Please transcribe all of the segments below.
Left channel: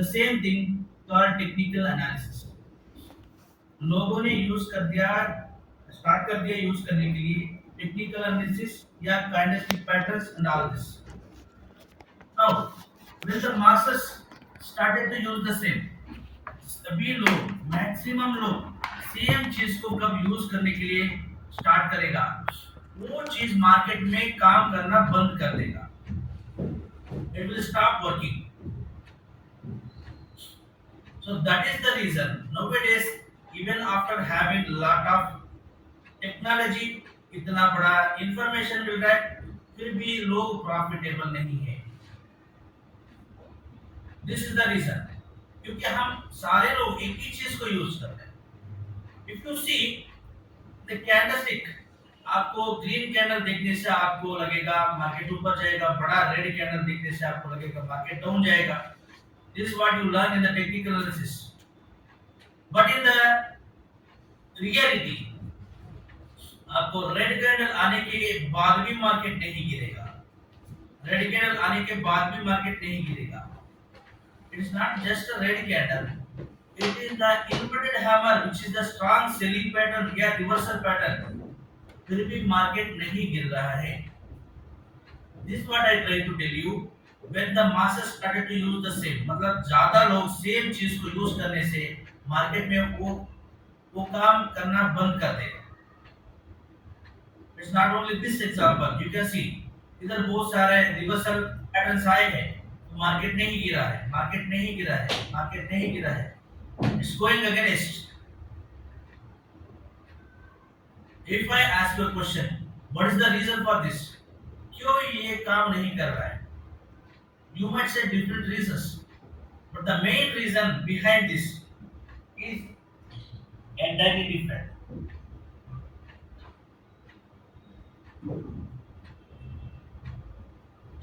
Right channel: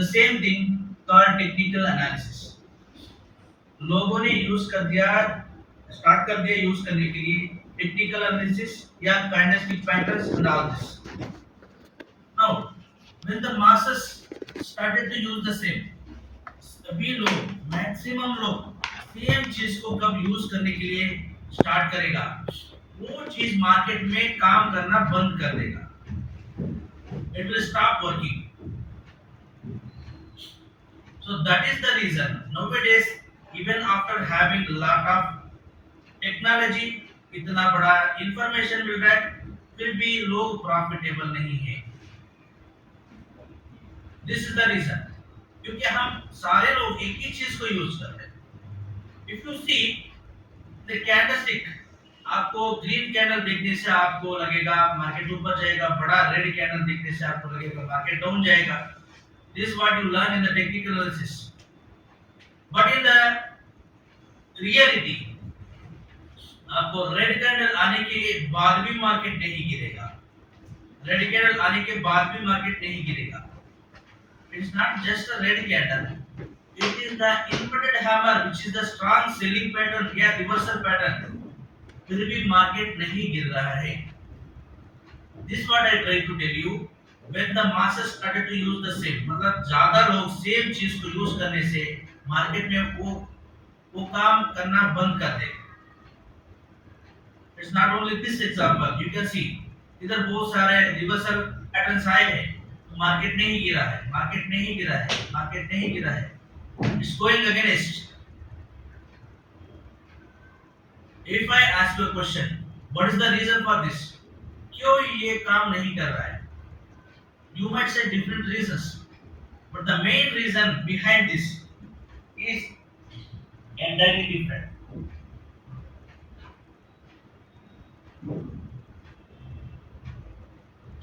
The same thing called technical analysis. लोगों ने यूज कर दिया, स्टार्ट कर दिया यूज करने के लिए टेक्निकल एनालिसिस या candlestick patterns and all this. Now when the masses started to use the same, सभी लोग, मैक्सिमम लोग सेम चीज को कब यूज करने के लिए स्टार्ट करेगा, वो चीज मार्केट में काम करना बंद कर देगा। It will stop working. So that is the reason nowadays, even after having lot of technology, इतना बड़ा इंफॉर्मेशन मिल रहा है, फिर भी लोग प्रॉफिटेबल नहीं है। दिस इज द रीजन, क्योंकि हम सारे लोग एक ही चीज को यूज करते हैं। If you see the candlestick, आपको ग्रीन कैंडल देखने से आपको लगेगा मार्केट ऊपर जाएगा, बड़ा रेड कैंडल देखने से आपको लगेगा मार्केट डाउन जाएगा। This is what you learn in the technical analysis. But in the reality, आपको रेड कैंडल आने के बाद भी मार्केट नहीं गिरेगा, रेड कैंडल आने के बाद भी मार्केट नहीं गिरेगा। It's not just a red candle, it is the inverted hammer which is the strong selling pattern या रिवर्सल पैटर्न, फिर भी मार्केट नहीं गिर रहा है। This what I try to tell you, when the masses started to use the same, मतलब ज्यादा लोग सेम चीज को यूज करने से मार्केट में वो काम करना बंद कर देगा। It's not only this example, you can सी इधर बहुत सारे रिवर्सल पैटर्न्स आए हैं, मार्केट नहीं गिरा है, मार्केट नहीं गिरा है, मार्केट नहीं गिरा है, it's going against. If I ask you a question, what is the reason for this, क्यों ये काम नहीं कर रहा है, you might say different reasons, but the main reason behind this is entirely different.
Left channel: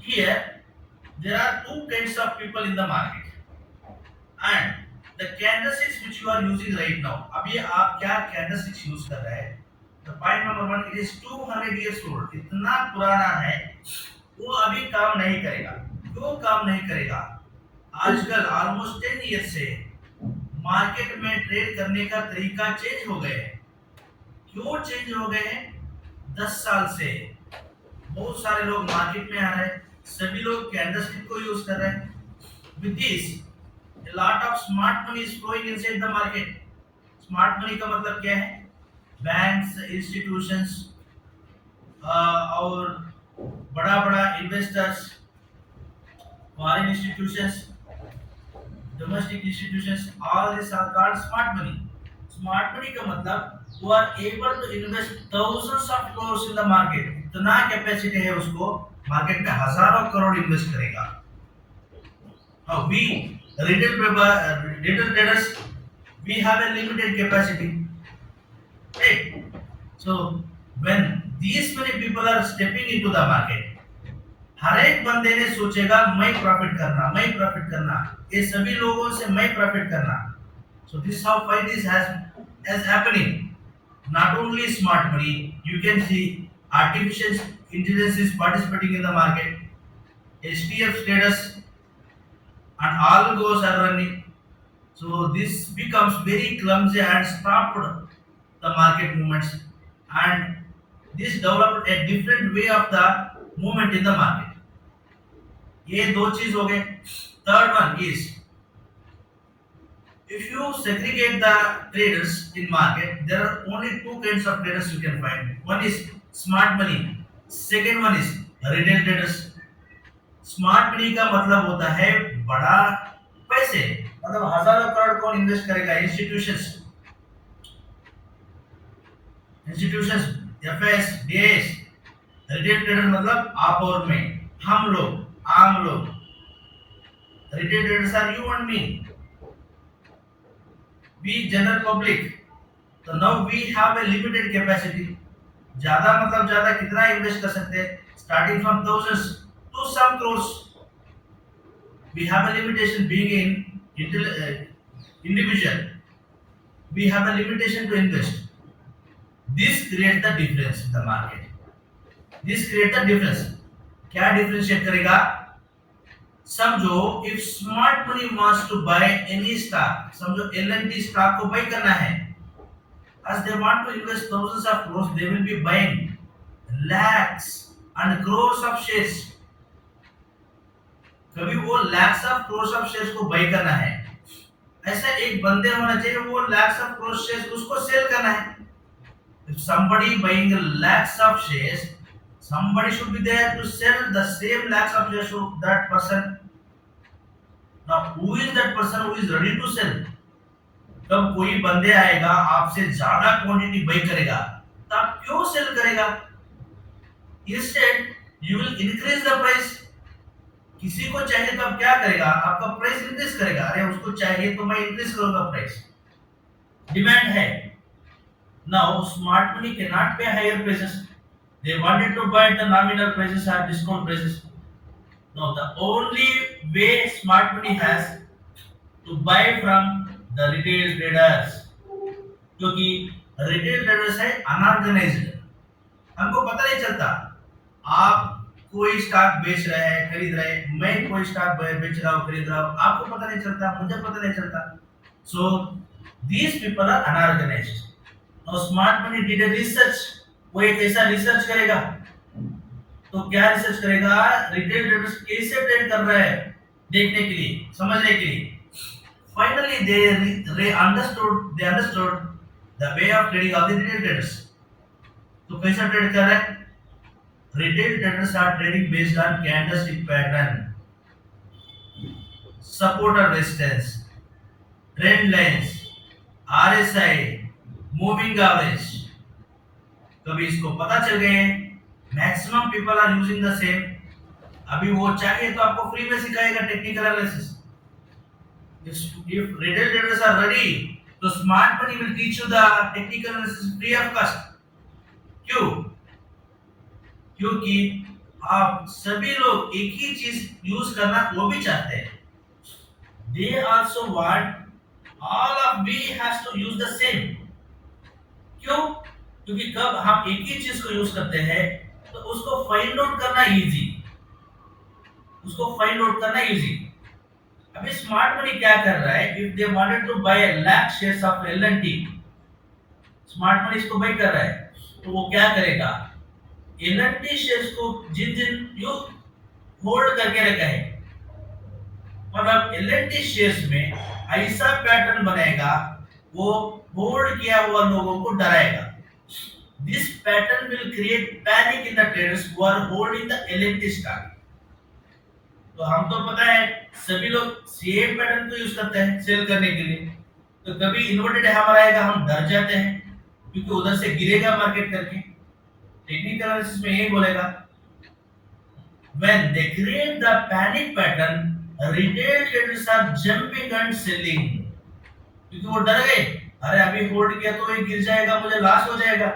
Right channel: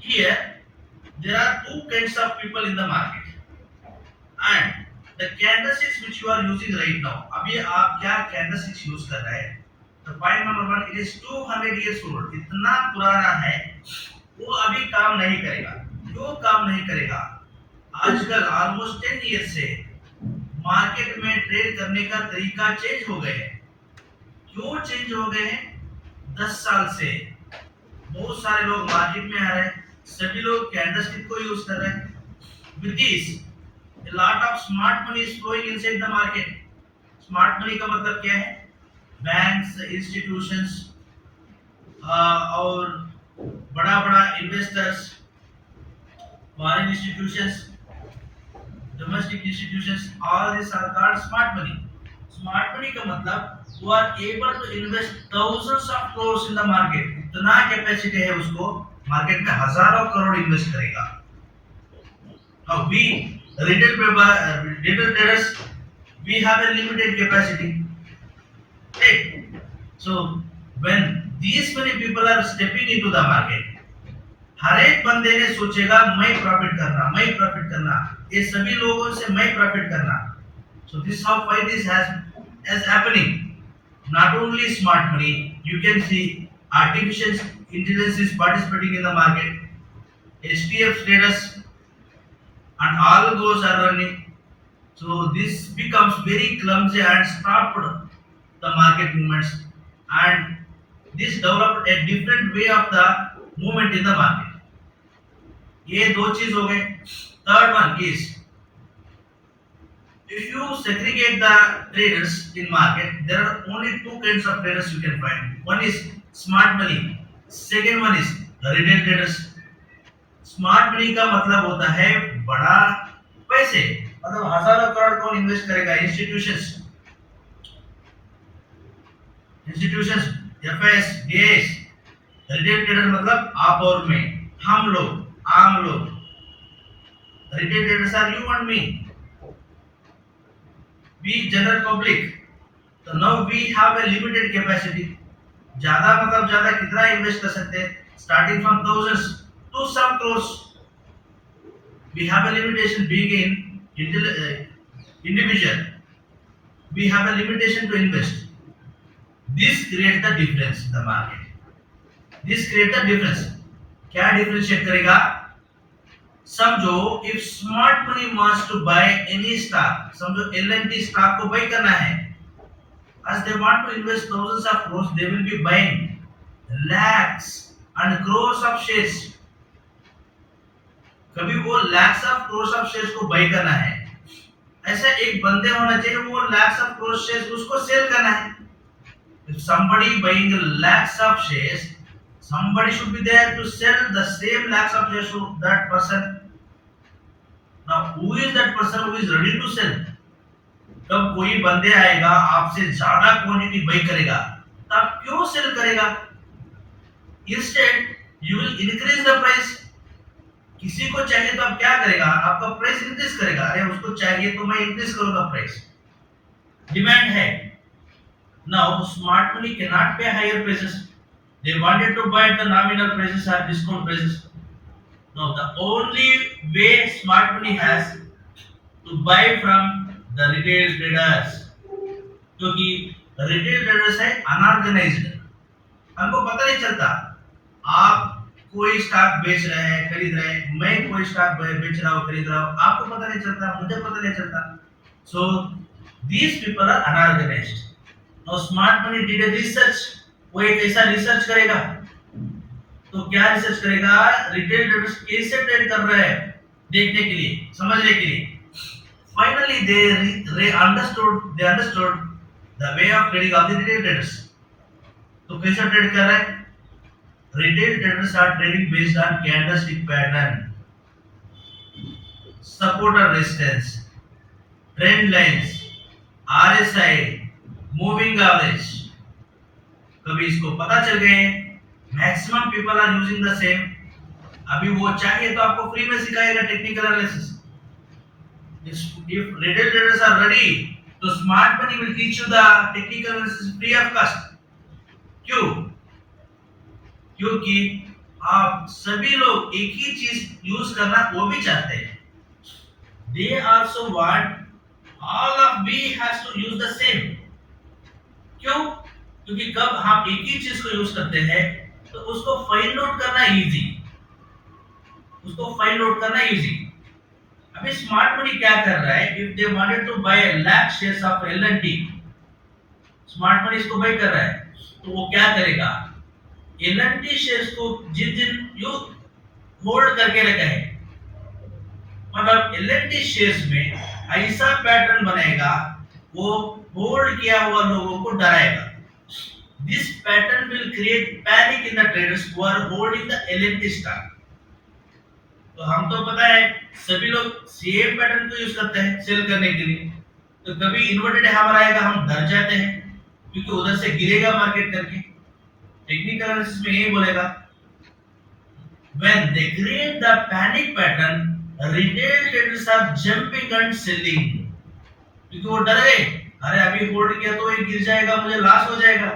Here there are two kinds of people in the market, and the candlesticks which you are using right now, अभी आप क्या candlesticks use कर रहे हैं, तो point number 1, it is 200 years old, इतना पुराना है, वो अभी काम नहीं करेगा। क्यों काम नहीं करेगा? आजकल ऑलमोस्ट 10 ईयर से मार्केट में ट्रेड करने का तरीका चेंज हो गए हैं। क्यों चेंज हो गए हैं? 10 साल से बहुत सारे लोग मार्केट में आ रहे हैं, सभी लोग कैंडलस्टिक को यूज कर रहे हैं। With this a lot of smart money is flowing inside the market. Smart money का मतलब क्या है? बैंक्स, इंस्टीट्यूशंस और बड़ा-बड़ा investors, foreign institutions, domestic institutions, all these are called smart money. Smart money का मतलब who are able to invest thousands of crores in the market. इतना कैपेसिटी है उसको, मार्केट में हजारों करोड़ इन्वेस्ट करेगा। Now we retail traders, we have a limited capacity, right? So when these many people are stepping into the market, हर एक बंदे ने सोचेगा मैं प्रॉफिट करना, ये सभी लोगों से मैं प्रॉफिट करना। So this how fight is has happening. Not only smart money, you can see artificial intelligence is participating in the market, HTF traders and all those are running. So this becomes very clumsy and stopped the market movements, and this developed a different way of the movement in the market. ये दो चीज हो गए। Third one is, if you segregate the traders in market, there are only two kinds of traders you can find. One is smart money, second one is retail traders. Smart money का मतलब होता है बड़ा पैसे, मतलब हजारों करोड़ कौन invest करेगा? Institutions, FS, DS. Retail trader मतलब आप और मैं, हम लोग, आम लोग। Retail traders are you and me, we general public. तो now we have a limited capacity. ज्यादा मतलब ज्यादा कितना इन्वेस्ट कर सकते हैं? Starting from thousands to some crores. We have a limitation being individual. We have a limitation to invest. This creates the difference in the market. This creates the difference. क्या differentiate करेगा? समझो if smart money wants to buy any stock, समझो L and T stock को buy करना है, as they want to invest thousands of crores, they will be buying lakhs and crores of shares. कभी वो lakhs of crores of shares को buy करना है, ऐसा एक बंदे होना चाहिए वो lakhs of crores shares उसको सेल करना है. If somebody buying lakhs of shares, somebody should be there to sell the same lakhs of shares to that person. Now who is that person who is ready to sell? जब कोई बंदे आएगा आपसे ज्यादा quantity bye करेगा तो आप क्यों सेल करेगा? Instead you will increase the price. किसी को चाहिए तो आप क्या करेगा? आपका प्राइस इंक्रीज करेगा. अरे उसको चाहिए तो मैं इंक्रीज करूंगा प्राइस. डिमांड है. Now smart money can not pay higher prices. They wanted to buy the nominal prices और discount prices. Now the only way smart money has to buy from the retail traders, क्योंकि retail traders है unorganised. हमको पता नहीं चलता आप कोई स्टॉक बेच रहे हैं खरीद रहे हैं, मैं कोई स्टॉक बेच रहा हूँ खरीद रहा हूँ, आपको पता नहीं चलता, मुझे पता नहीं चलता. So these people are unorganised. Now smart money did a research. वो एक ऐसा रिसर्च करेगा. तो क्या रिसर्च करेगा? रिटेल ट्रेडर्स कैसे ट्रेड कर रहे हैं देखने के लिए, समझने के लिए. Finally, they understood the way of trading of the retail traders. तो कैसे ट्रेड कर रहे हैं? Retail traders are trading based on candlestick pattern, support and resistance, trend lines, RSI, moving average. कभी इसको पता चल गए. Maximum people are using the same. अभी वो चाहिए तो आपको फ्री में सिखाएगा technical analysis. If retail traders are ready, तो smart money will teach you the technical analysis free of cost. क्यों? क्योंकि आप सभी लोग एक ही चीज यूज करना वो भी चाहते हैं. They also want all of we has to use the same. क्यों? क्योंकि कब हम एक ही चीज को यूज करते हैं तो उसको फाइंड आउट करना इजी. अभी स्मार्ट मनी क्या कर रहा है? If they wanted to buy lakh shares of L and T, smart money इसको बाय कर रहा है तो वो क्या करेगा? एल&टी शेयर्स को जिन जिन यू होल्ड करके रखा है, मतलब एल&टी शेयर्स में ऐसा पैटर्न बनाएगा वो होल्ड किया हुआ लोगों को डराएगा. This pattern will create panic in the traders who are holding the L&T stock. तो हम तो पता है सभी लोग सेम पैटर्न को यूज करते हैं सेल करने के लिए. तो कभी इन्वर्टेड हैमर आएगा हम डर जाते हैं क्योंकि उधर से गिरेगा मार्केट करके. टेक्निकल एनालिसिस में यही बोलेगा when they create the panic pattern, retail traders are jumping and selling. क्योंकि वो डर गए, अरे अभी होल्ड किया तो ये गिर जाएगा, मुझे लॉस हो जाएगा,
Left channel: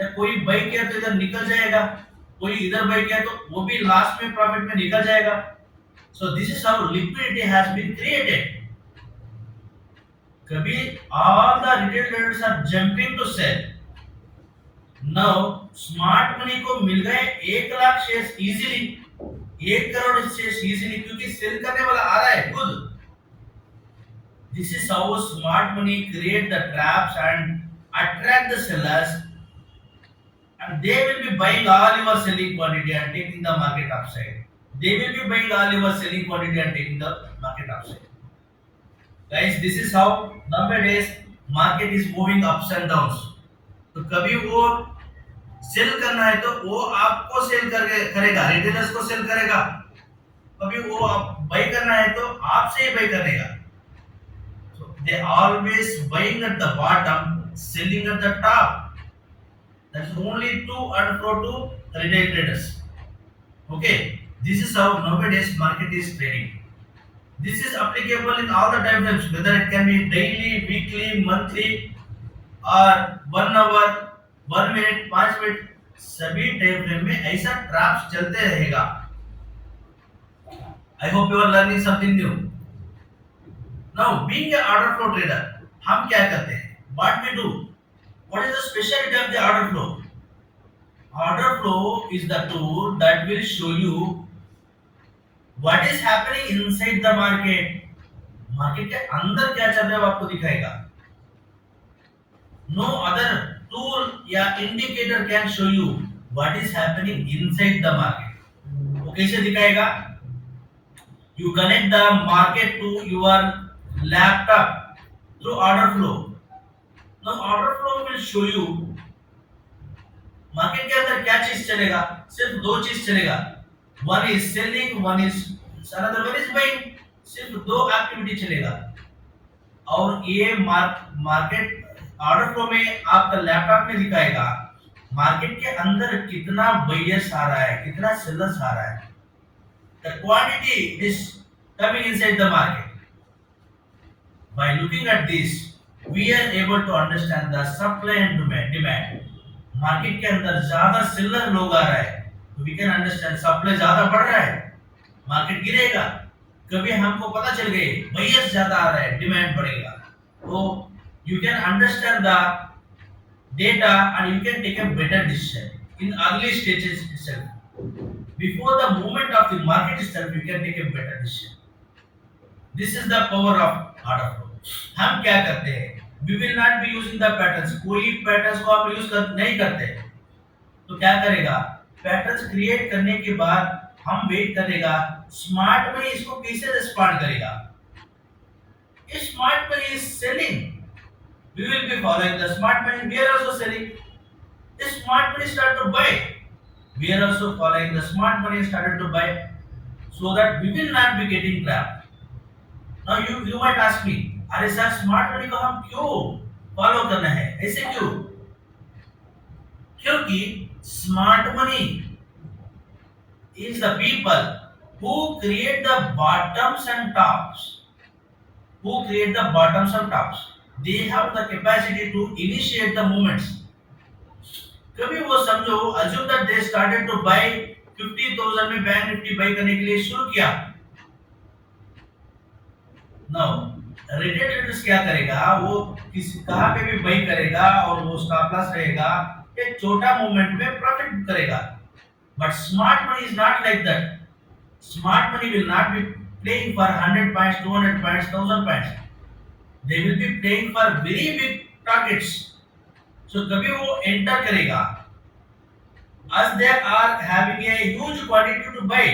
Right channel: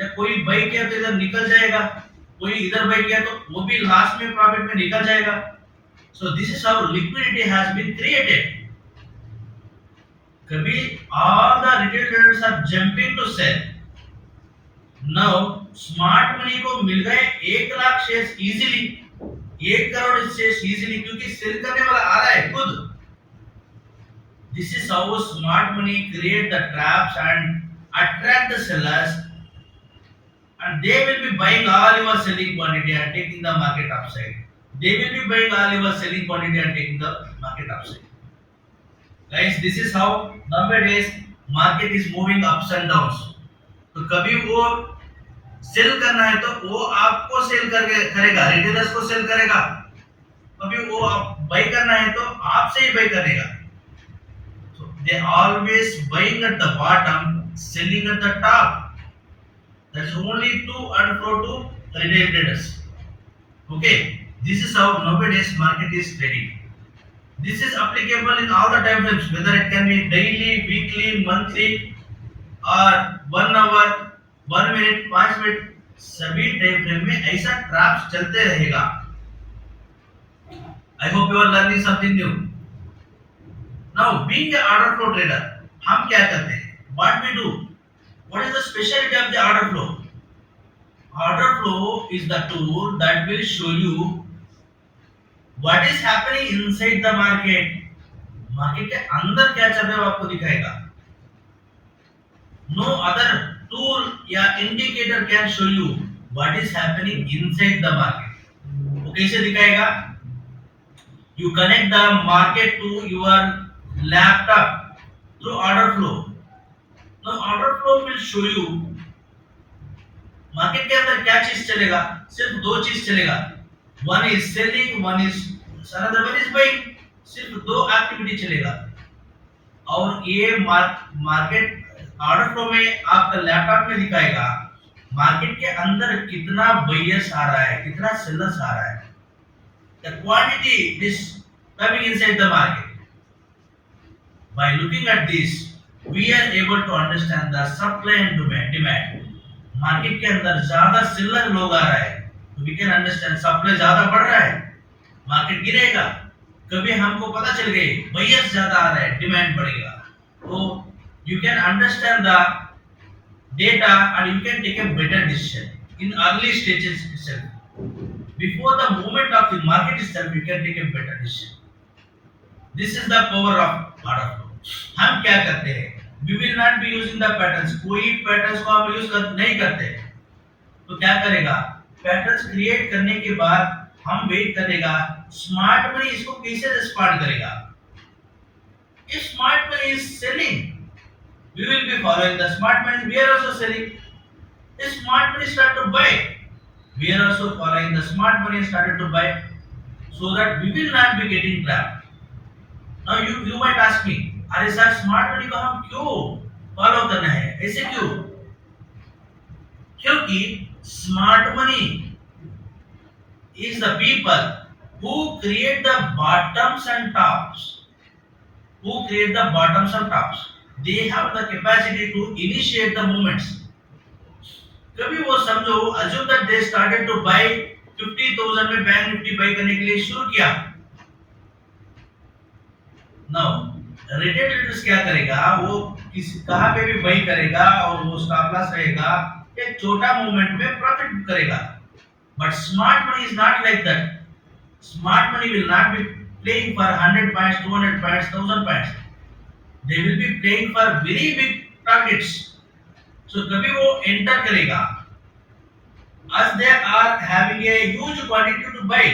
या कोई बाय किया तो इधर निकल जाएगा, कोई इधर बाय किया तो वो भी लास्ट में प्रॉफिट में निकल जाएगा. So this is how liquidity has been created. कभी all the retail traders are jumping to sell. Now smart money को मिल गए 1 lakh shares easily, 1 crore shares easily, क्योंकि सेल करने वाला आ रहा है खुद. This is how smart money create the traps and attract the sellers, and they will be buying all your selling quantity and taking the market upside. They will be buying all your selling quantity and taking the market upside. Guys, this is how nowadays market is moving ups and downs. तो कभी वो सेल करना है तो वो आपको सेल करके करेगा, रिटेलर्स को सेल करेगा. कभी वो आप बाय करना है तो आपसे ही बाय करेगा. So they always buying at the bottom, selling at the top. That is only to and fro to retail traders. Okay. This is how nowadays market is trading. This is applicable in all the time frames, whether it can be daily, weekly, monthly, or 1 hour, 1 minute, 5 मिनट, सभी time frame में ऐसा ट्रैप्स चलते रहेगा. I hope you are learning something new. Now, being an order flow trader, हम क्या करते हैं? What we do? What is the specialty of the order flow? Order flow is the tool that will show you what is happening inside the market, market के अंदर क्या चल रहा है वो आपको दिखाएगा। नो अदर टूल या indicator can show you what is happening inside the market. वो कैसे दिखाएगा? You connect the market to your laptop through order flow. Now order flow will show you market के अंदर क्या चीज चलेगा। सिर्फ दो चीज चलेगा, one is selling, one is another one is buying. सिर्फ दो एक्टिविटी चलेगा। और ये मार्केट ऑर्डर फ्लो में आपका लैपटॉप में दिखाएगा मार्केट के अंदर कितना बायर्स आ रहा है, कितना सेलर्स आ रहा है। The quantity is coming inside the market. By looking at this, we are able to understand the supply and demand. Market के अंदर ज्यादा सेलर लोग आ रहा है तो वी कैन अंडरस्टैंड सप्लाई ज्यादा बढ़ रहा है, मार्केट गिरेगा। कभी हमको पता चल गए बायर्स ज्यादा आ रहा है, डिमांड बढ़ेगा। तो you can understand the data and you can take a better decision in early stages itself. Before the movement of the market itself, you can take a better decision. This is the power of order flow. हम क्या करते हैं? We will not be using the patterns. कोई patterns को हम यूज नहीं करते। तो क्या करेगा? पैटर्न्स क्रिएट करने के बाद हम वेट करेगा स्मार्ट मनी इसको कैसे रिस्पॉन्ड करेगा। If smart money is selling, we will be following the smart money. We are also selling. If smart money start to buy, we are also following the smart money started to buy, so that we will not be getting trapped. Now you might ask me, अरे sir smart money को हम क्यों फॉलो करना है, ऐसे क्यों? क्योंकि smart money is the people who create the bottoms and tops. Who create the bottoms and tops. They have the capacity to initiate the movements. कभी वो समझो assume that they started to buy 50,000 में bank Nifty bye करने के लिए शुरू किया। Now retail traders क्या करेगा, वो किस कहां पे भी बाय करेगा और वो स्टॉप लॉस रहेगा, एक छोटा मूवमेंट में प्रॉफिट करेगा। But smart money is not like that. Smart money will not be playing for 100 points, 200 points, 1000 points. They will be playing for very big targets. So कभी वो enter करेगा as they are having a huge quantity to buy,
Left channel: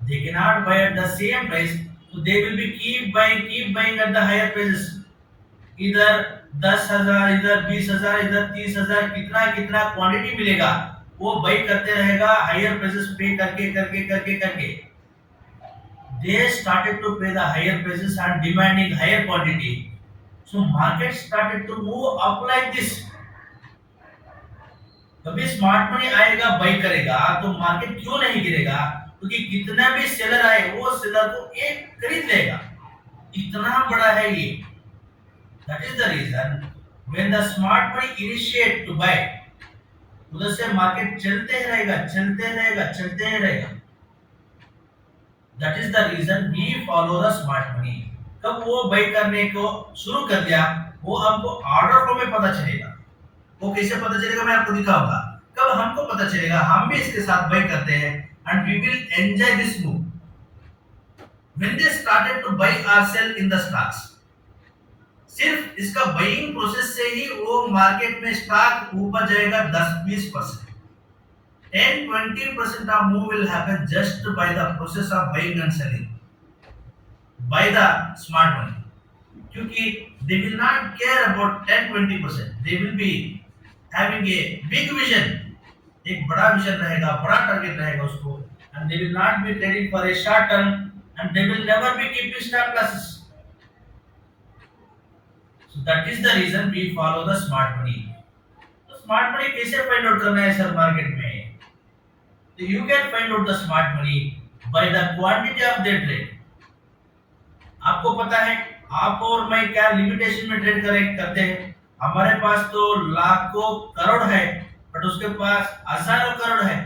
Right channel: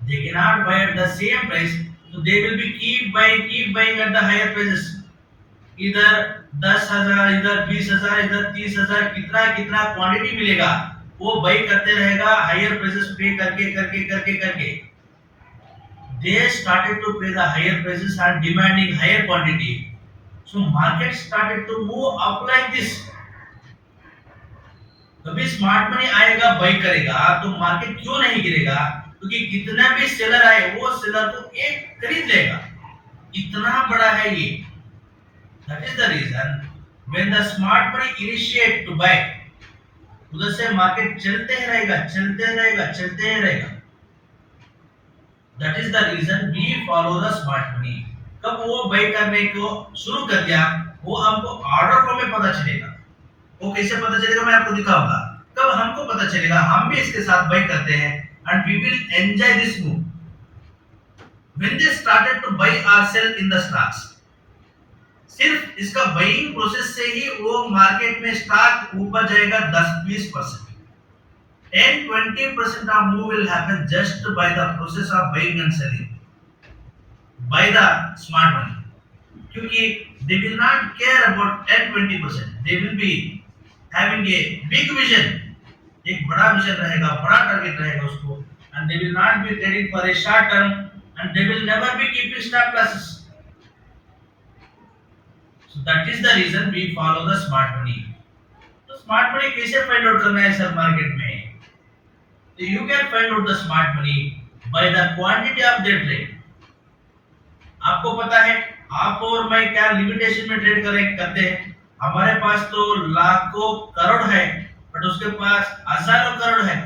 they cannot buy at the same price, so they will be keep buying at the higher prices. इधर 10,000, इधर 20,000, इधर 30,000, कितना कितना क्वांटिटी मिलेगा वो बाय करते रहेगा हायर प्राइसेस पे करके। They started to pay the higher prices and demanding higher quantity. So market started to move up like this. कभी स्मार्ट मनी आएगा बाय करेगा तो मार्केट क्यों नहीं गिरेगा? क्योंकि कितना भी सेलर आए वो सेलर को एक खरीद लेगा, इतना बड़ा है ये। That is the reason when the smart money initiate to buy, उधर से मार्केट चलते रहेगा। That is the reason we follow the smart money. कब वो बाय करने को शुरू कर दिया वो हमको ऑर्डर फ्लो में पता चलेगा। वो कैसे पता चलेगा मैं आपको दिखाऊंगा। कब हमको पता चलेगा हम भी इसके साथ बाय करते हैं and we will enjoy this move. When they started to buy or sell in the stocks, सिर्फ इसका बाइंग प्रोसेस से ही वो मार्केट में स्टॉक ऊपर जाएगा 10-20%। 10-20% of move will happen just by the process of buying and selling by the smart money. क्योंकि they will not care about 10-20%. They will be having a big vision. एक बड़ा विजन रहेगा, बड़ा टारगेट रहेगा उसको, and they will not be trading for a short term and they will never be keeping stop losses. So that is the reason we follow the smart money. तो smart money कैसे find out करना है sir market में? So you can find out the smart money by the quantity of their trade. आपको पता है आप और मैं क्या लिमिटेशन में ट्रेड करते हैं। हमारे पास तो लाखों करोड़ है बट उसके पास हजारों करोड़ है।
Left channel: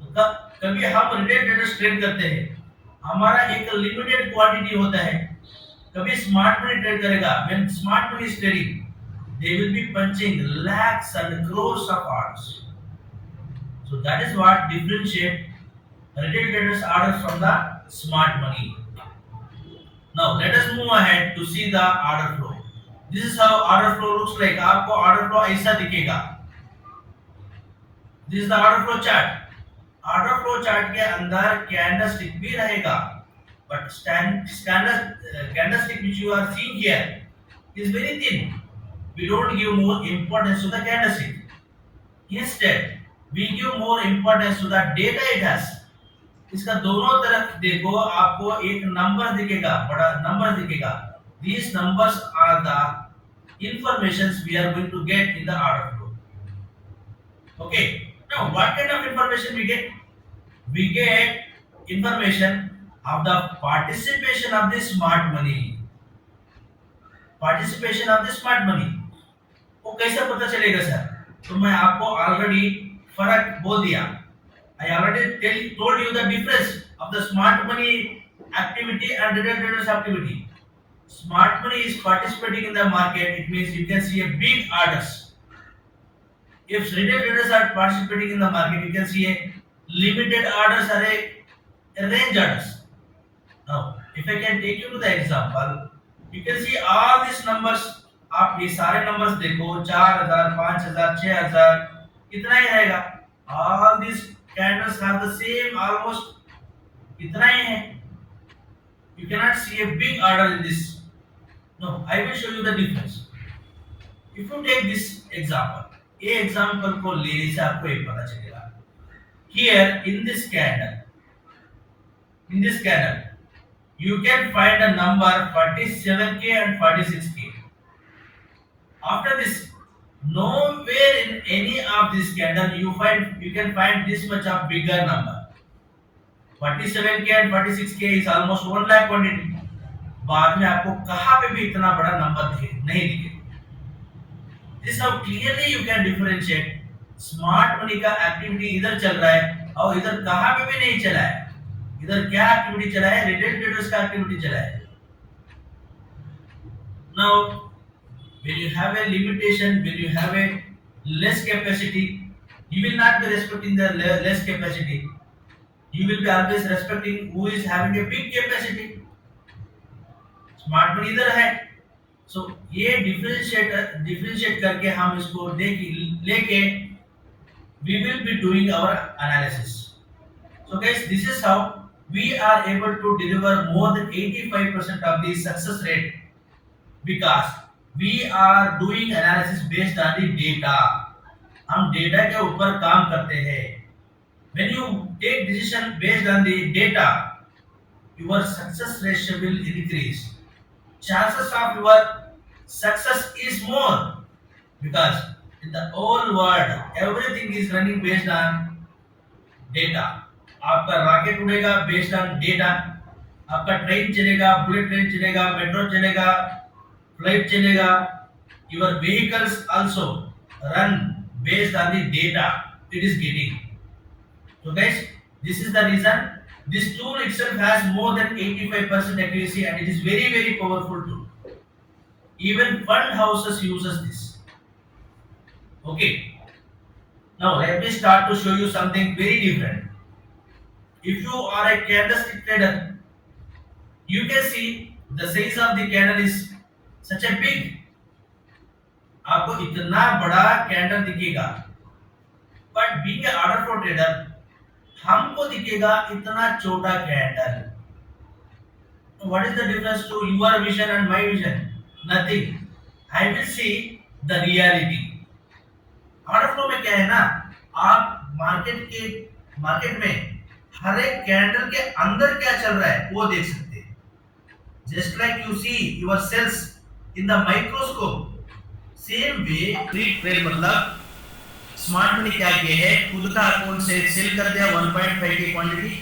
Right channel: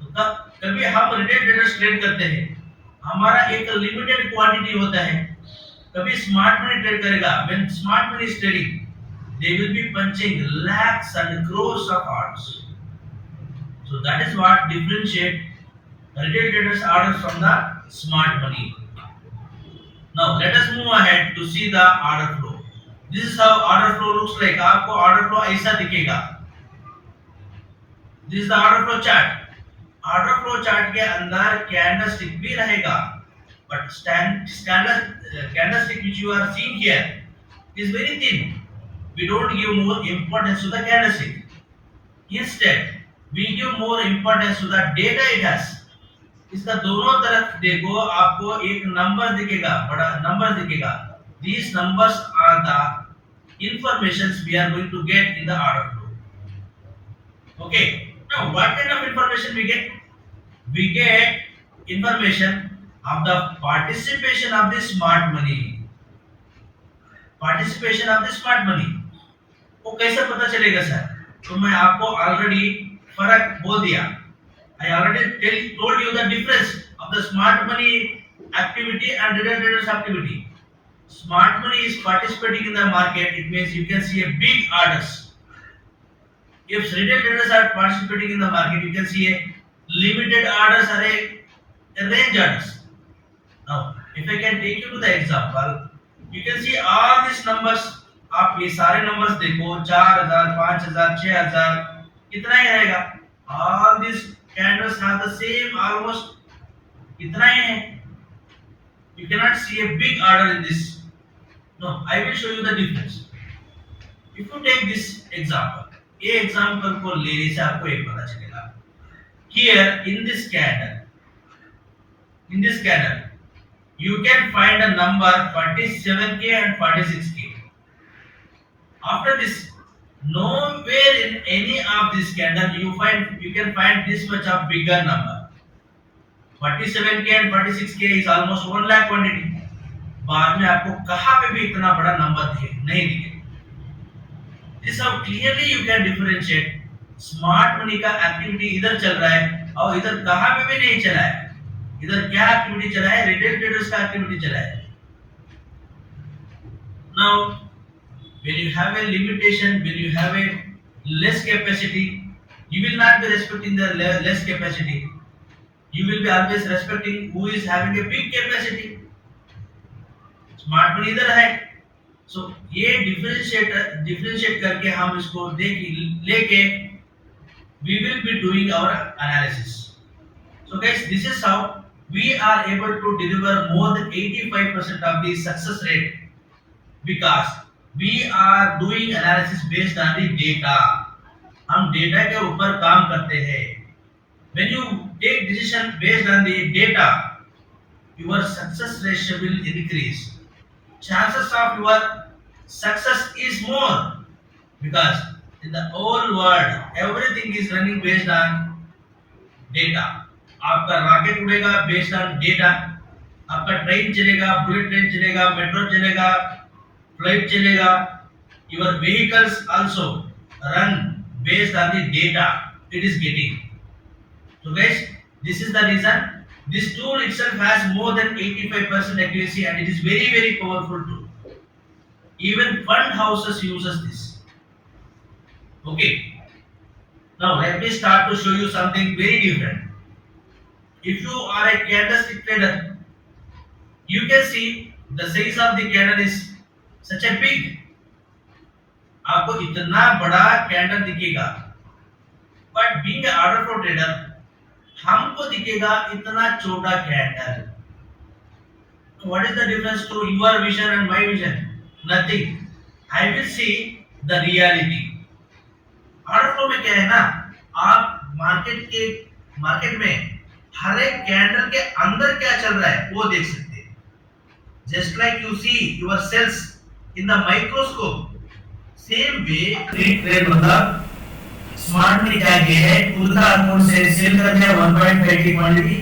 तो कभी हम रिटेल ट्रेडर्स ट्रेड करते हैं, हमारा एक लिमिटेड क्वांटिटी होता है। कभी स्मार्ट मनी ट्रेड करेगा, when smart money is trading, they will be punching lakhs and crores of orders. So that is what differentiate Retail traders order from the smart money. Now let us move ahead to see the order flow. This is how order flow looks like. आपको order flow ऐसा दिखेगा. This is the order flow chart. Order flow chart के अंदर कैंडलस्टिक भी रहेगा. But candlestick which you are seeing here is very thin. We don't give more importance to the candlestick. Instead, we give more importance to the data it has. इसका दोनों तरफ देखो आपको एक नंबर दिखेगा, बड़ा नंबर दिखेगा. These numbers are the informations we are going to get in the order flow. Okay. Now, what kind of information we get? We get information of the participation of the smart money. Participation of the smart money. वो कैसे पता चलेगा सर? तो मैं आपको ऑलरेडी फर्क बोल दिया. I already told you the difference of the smart money activity and retail traders activity. Smart money is participating in the market. It means you can see a big orders. If retail traders are participating in the market, you can see a limited orders or a range orders. Now, if I can take you to the example, you can see all these numbers. आप ये सारे numbers देखो 4000, 5000, 6000 इतना ही रहेगा. All these candles have the same almost इतना ही है. You cannot see a big order in this. No, I will show you the difference. If you take this example, ये example को लेने से आपको एक पता चलेगा. Here in this candle, you can find a number 47k and 46k. After this, nowhere in any of this candle you can find this much of bigger number. 47k and 46k is almost 1 lakh quantity. बाद में आपको कहाँ पे भी इतना बड़ा नंबर नहीं दिखेगा. This is how clearly you can differentiate smart money का एक्टिविटी इधर चल रहा है और इधर कहाँ पे भी नहीं चला है. इधर क्या एक्टिविटी चला है? रिटेल ट्रेडर्स का एक्टिविटी चला है. Now, when you have a limitation, when you have a less capacity, you will not be respecting the less capacity. You will be always respecting who is having a big capacity. Smart money इधर है. सो ये डिफरेंशिएट करके हम इसको लेके we will be doing our analysis. So guys, this is how we are able to deliver more than 85% of the success rate because we are doing analysis based on the data. हम डेटा के ऊपर काम करते हैं. When you take decision based on the data, your success ratio will increase. Chances of your success is more because in the whole world everything is running based on data. आपका रॉकेट उड़ेगा based on data. आपका ट्रेन चलेगा, bullet train चलेगा, मेट्रो चलेगा, फ्लाइट चलेगा. Your vehicles also run based on the data it is getting. So guys, this is the reason this tool itself has more than 85% accuracy and it is very very powerful tool. Even fund houses uses this. Okay. Now let me start to show you something very different. If you are a candlestick trader, you can see the size of the candle is such a big. आपको इतना बड़ा कैंडल दिखेगा. But being an order flow trader, हमको दिखेगा इतना छोटा candle. What is the difference to your vision and my vision? Nothing. I will see the reality. Order flow में क्या है ना, आप मार्केट में हर एक कैंडल के अंदर क्या चल रहा है वो देख सकते हैं. Just like you see your cells in the microscope, same way trade मतलब स्मार्ट मनी क्या किया है, खुद का अकाउंट से सेल कर दिया 1.5 की क्वांटिटी,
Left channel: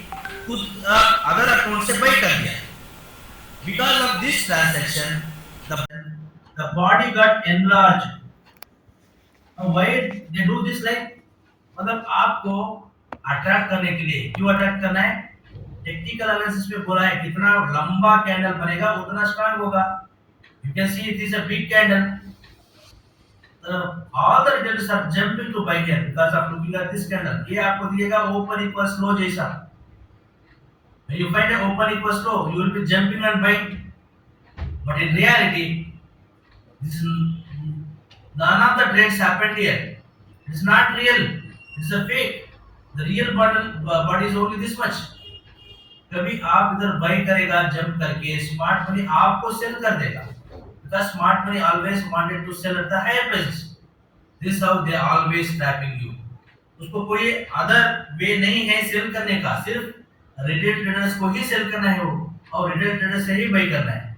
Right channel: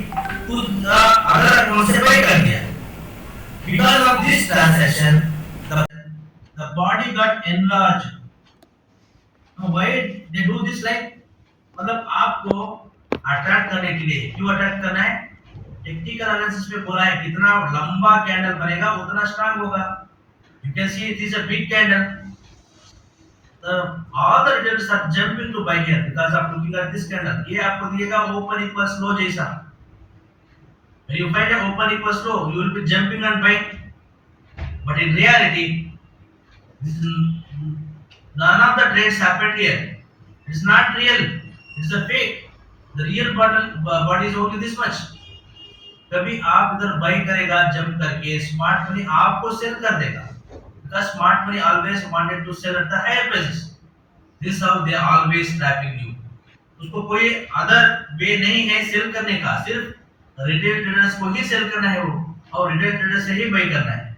खुद का अदर अकाउंट से बाय कर दिया. Because of this transaction the body got enlarged. Now why they do this like, मतलब आपको अट्रैक्ट करने के लिए. क्यों अट्रैक्ट करना है? टेक्निकल एनालिसिस में बोला है कितना लंबा कैंडल बनेगा उतना स्ट्रांग होगा. You can see it is a big candle. All the retailers are jumping to buy here because of looking at this candle. ये आपको दिएगा open equals low जैसा. When you find an open equals low, you will be jumping and buying. But in reality, this is none of the trades happened here. It's not real. It's a fake. The real body is only this much. कभी आप इधर बाई करेगा जंप करके smart money आपको sell कर देगा because smart money always wanted to sell at the higher prices this how they always trapping you उसको कोई अदर वे नहीं है सेल करने का सिर्फ रिटेल ट्रेडर्स को ही सेल करना है वो और रिटेल ट्रेडर्स से ही बाई करना है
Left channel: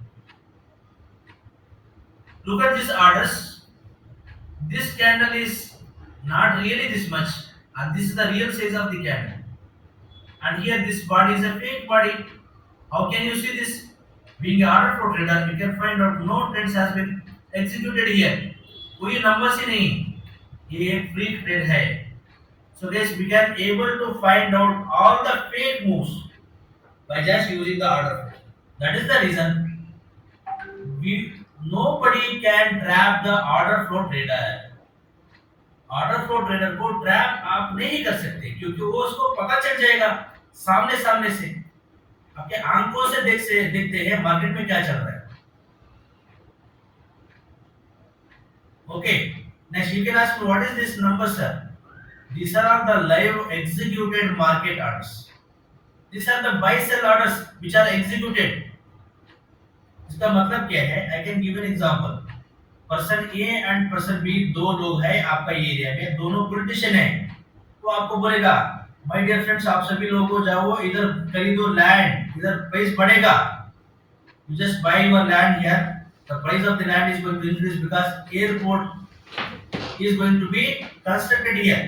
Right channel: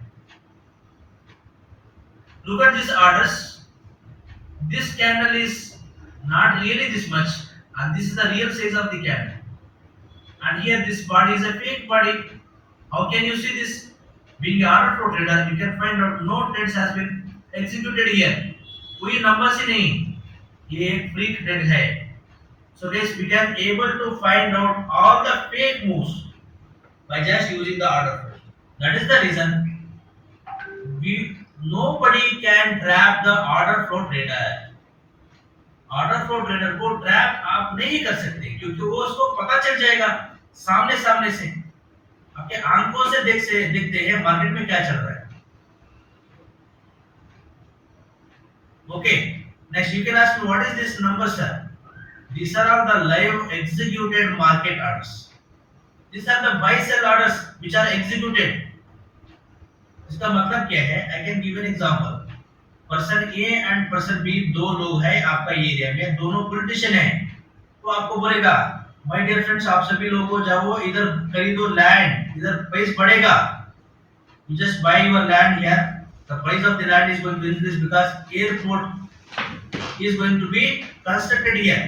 look at these orders this candle is not really this much and this is the real size of the candle and here this body is a fake body how can you see this being an order flow trader you can find out no trades has been executed here कोई नंबर से नहीं ये एक free trade है so guys we can able to find out all the fake moves by just using the order flow that is the reason we nobody can trap the order flow trader order flow trader को ट्रैप आप नहीं कर सकते क्योंकि वो उसको पता चल जाएगा सामने सामने से आपके आंखों से देखते हैं मार्केट में क्या चल रहा है okay next you can ask what is this number sir these are all the live executed market orders these are the buy sell orders which are executed इसका मतलब क्या है I can give an example person A and person B दो लोग हैं आपका एरिया में दोनों पॉलिटिशियन हैं तो आपको बोलेगा माय डियर फ्रेंड्स आप सभी लोगों जाओ इधर खरीदो लैंड इधर प्राइस बढ़ेगा you just buy your land here the price of the land is going to increase because airport is going to be constructed here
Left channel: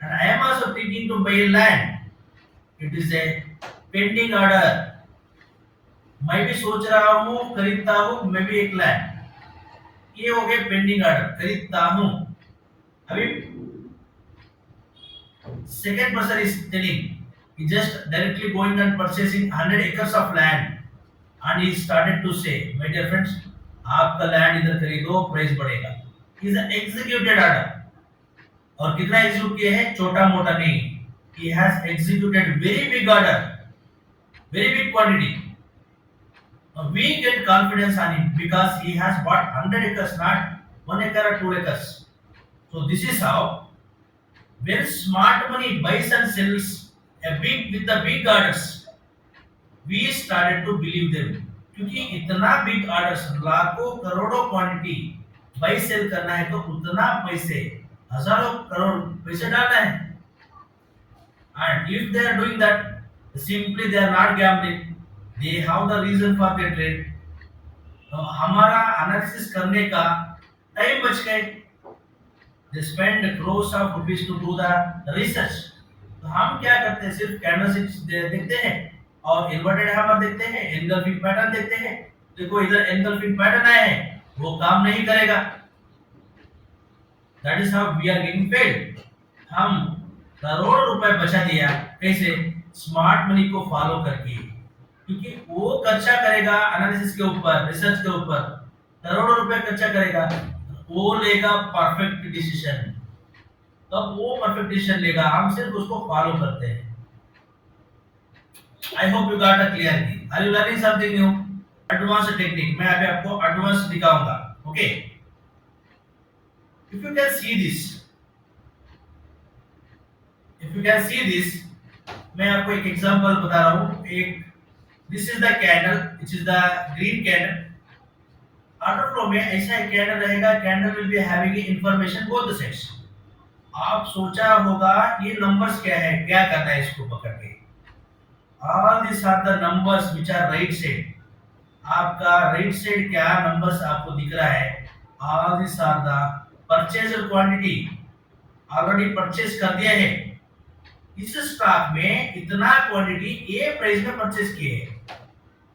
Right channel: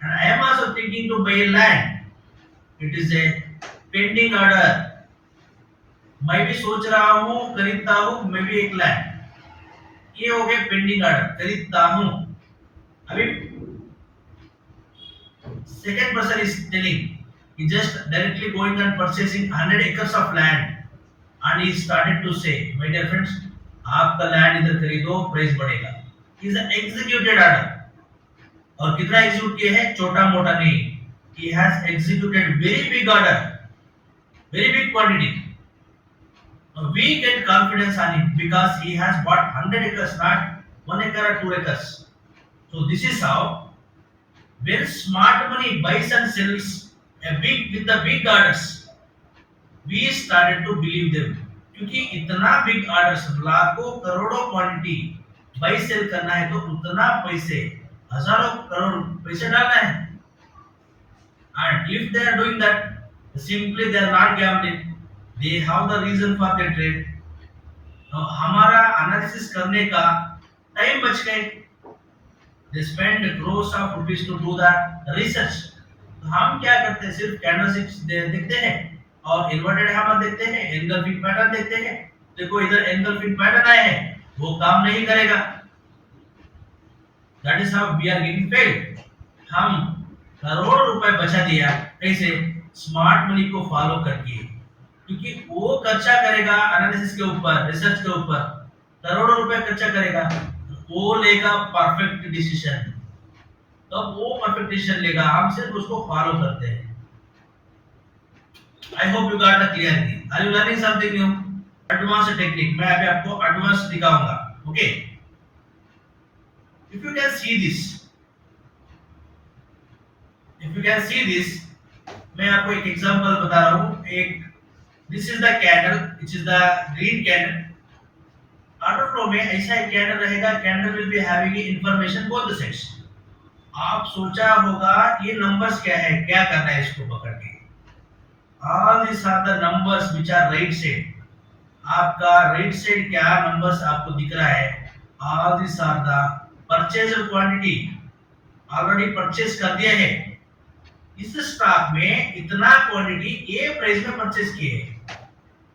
and I am also thinking to buy land it is a pending order मैं भी सोच रहा हूं खरीदता हूं मैं भी एक लैंड ये हो गया पेंडिंग ऑर्डर खरीदता हूं अभी second person is telling he just directly going and purchasing 100 acres of land and he started to say my dear friends आपका लैंड इधर खरीदो प्राइस बढ़ेगा is an executed order और कितना एग्जीक्यूट किया है छोटा मोटा नहीं he has executed very big order very big quantity we get confidence on him because he has bought 100 acres not 1 acre or 2 acres so this is how when smart money buys and sells a big with the big orders we started to believe them क्योंकि इतना big orders लाखों करोड़ों quantity bye cell करना है तो उतना पैसे हजारों करोड़ पैसे डालना है and if they are doing that simply they are not gambling they have the reason for their trade तो हमारा एनालिसिस करने का टाइम बच गए they spend crores of rupees to do the research तो हम क्या करते हैं सिर्फ कैंडलस्टिक्स देखते हैं और इन्वर्टेड हैमर देखते हैं एंगल्फिंग पैटर्न देखते हैं देखो इधर एंगल्फिंग पैटर्न आया है वो काम नहीं करेगा that is how we are getting failed हम करोड़ों रुपए बचा दिया कैसे स्मार्ट मनी को फॉलो करके क्योंकि वो खर्चा करेगा एनालिसिस के ऊपर रिसर्च के ऊपर करोड़ों रुपए खर्चा करेगा वो लेगा परफेक्ट डिसीजन तब वो परफेक्ट डिसीजन लेगा हम सिर्फ उसको फॉलो करते हैं I hope you got a clarity are you learning something new advance technique मैं अभी आपको एडवांस दिखाऊंगा okay if you can see this if you can see this मैं आपको एक एग्जांपल बता रहा हूं एक this is the candle which is the green candle order flow में ऐसा एक कैंडल रहेगा candle will be having information both the sides आप सोचा होगा ये नंबर्स क्या है क्या करना है इसको पकड़ के all this are the numbers which are right side आपका राइट साइड क्या नंबर्स आपको दिख रहा है all this are the purchased quantity already purchase कर दिया है इस स्टॉक में इतना क्वांटिटी ए प्राइस में परचेज किए है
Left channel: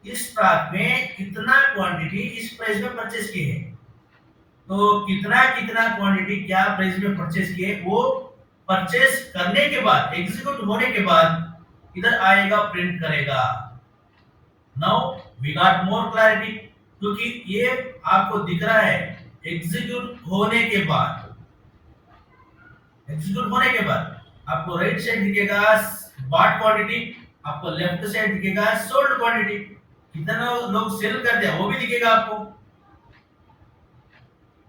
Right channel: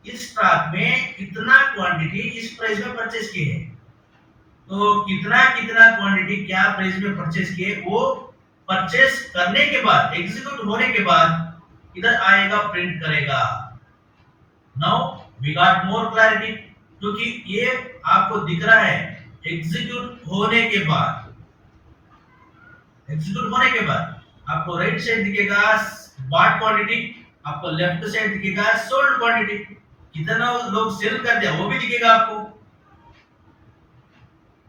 इस स्टॉक में इतना क्वांटिटी इस प्राइस में परचेज किए है तो कितना कितना क्वांटिटी क्या प्राइस में परचेज किए वो परचेज करने के बाद एग्जीक्यूट होने के बाद इधर आएगा प्रिंट करेगा now we got more clarity क्योंकि ये आपको दिख रहा है एग्जीक्यूट होने के बाद आपको राइट साइड दिखेगा बॉट क्वांटिटी आपको लेफ्ट साइड दिखेगा सोल्ड क्वांटिटी, कितना लोग सेल करते हैं वो भी दिखेगा आपको।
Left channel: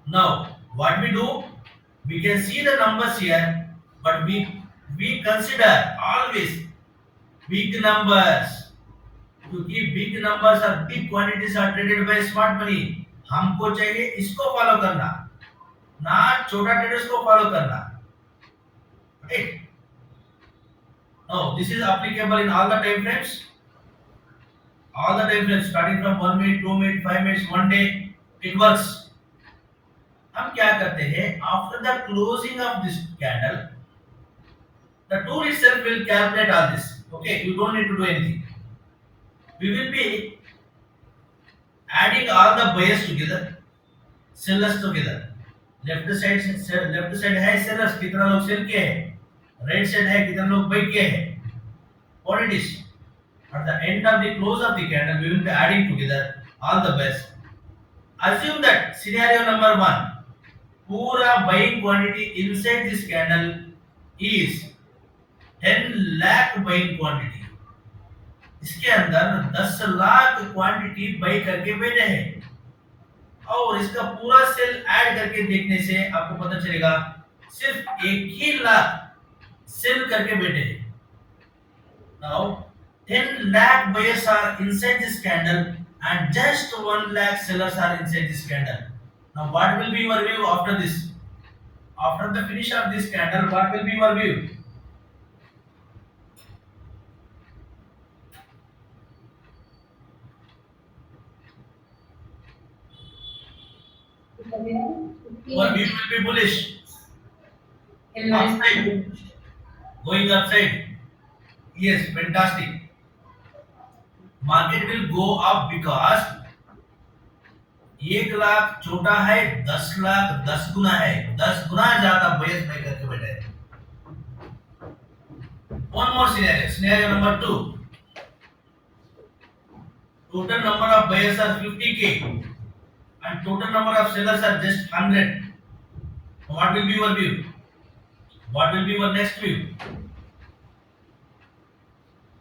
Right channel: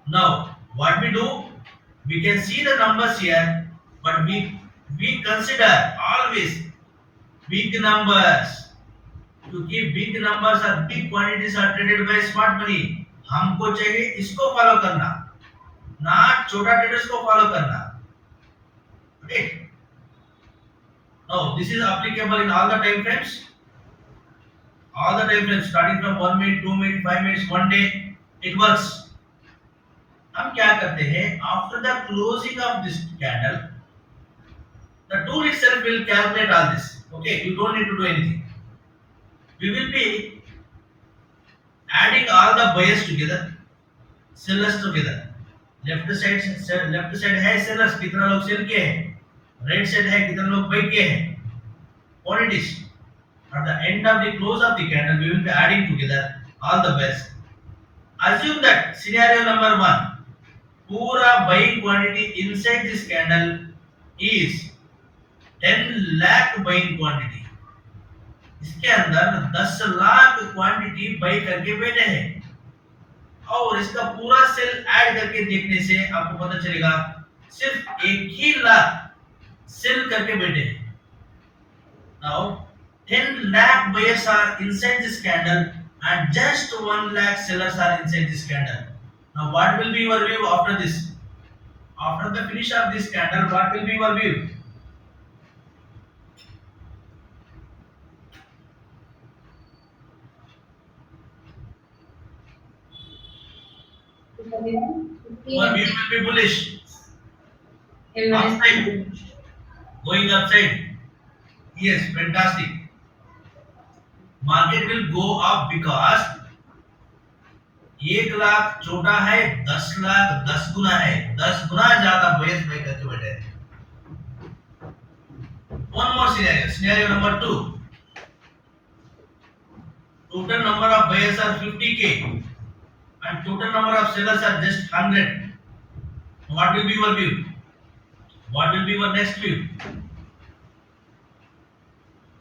Now, what we do? We can see the numbers here, but we consider always big numbers. क्योंकि big numbers are big quantities are traded by smart money. हमको चाहिए इसको फॉलो करना, ना छोटा ट्रेडर्स को फॉलो करना। Right? No, this is applicable in all the time frames. All the time frames starting from 1 minute, 2 minute, 5 minutes, 1 day, it works. हम क्या करते हैं, after the closing of this candle the tool itself will calculate all this. Okay, you don't need to do anything. We will be adding all the buyers together, sellers together. Left side है sellers, कितना लोग सेल किए हैं, right side है कितना लोग बाय किए हैं, quantities. At the end of the close of the candle we will be adding together all the buyers. Assume that scenario number 1, पूरा buying quantity inside this candle is 10 lakh buying quantity. इसके अंदर 10 lakh quantity by करके बैठे हैं, और इसका पूरा cell add करके देखने से आपको पता चलेगा सिर्फ 1 ही लाख सेल करके बैठे हैं। नाउ 10 lakh buyers are inside this candle and just 1 lakh sellers are inside this candle. Now what will be your view after this? After the finish of this candle, what will be your view? Your view will be bullish. Upside. Going upside. Yes, fantastic. Market will go up because 1 लाख छोटा है, 10 लाख 10 गुना है, 10 गुना ज्यादा बेस में करके बैठे हैं। One more scenario. Scenario number 2. Total number of buyers are 50k and total number of sellers are just 100. What will be your view? What will be your next view?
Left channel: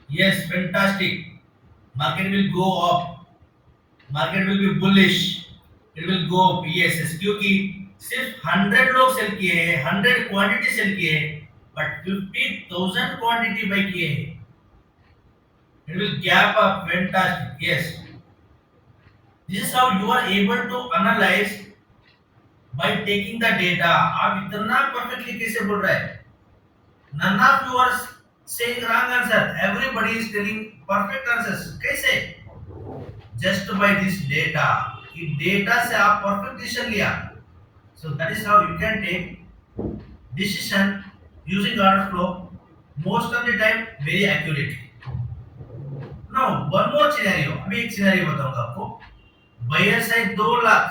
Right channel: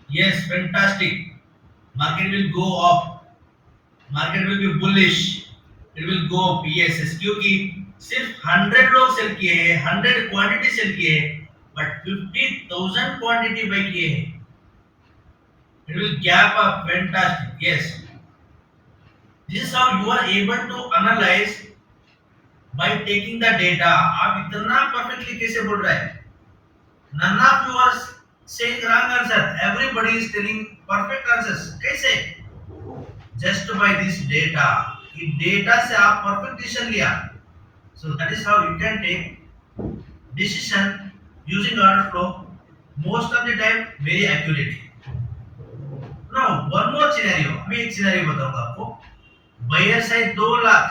Yes, fantastic. Market will go up. Market will be bullish. It will go up. Yes, क्योंकि सिर्फ 100 लोग सेल किए हैं, 100 quantity sell किए हैं, but 50,000 quantity bye किए हैं। It will gap up. Fantastic. Yes. This is how you are able to analyze by taking the data. आप इतना perfectly कैसे बोल रहे हैं? None of you are saying wrong answer. Everybody is telling perfect answers. कैसे? Just by this data. ये data से आप perfect decision लिया. So that is how you can take decision using order flow. Most of the time very accurate. Now one more scenario. अभी एक scenario बताऊंगा आपको. Buyers है 2 लाख,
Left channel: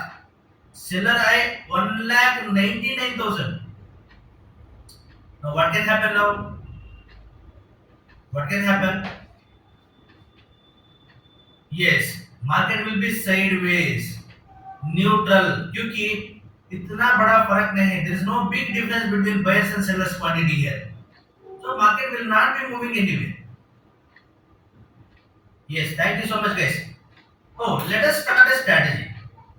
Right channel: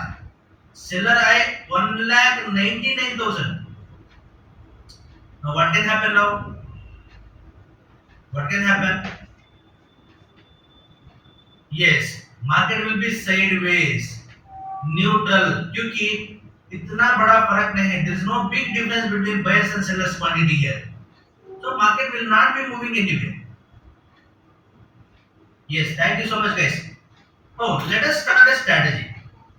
seller है 1,99,000. Now what can happen now? What can happen? Yes, market will be sideways, neutral, क्योंकि इतना बड़ा फर्क नहीं है. There is no big difference between buyers and sellers quantity here. So market will not be moving anywhere. Yes, thank you so much guys. So let us start a strategy.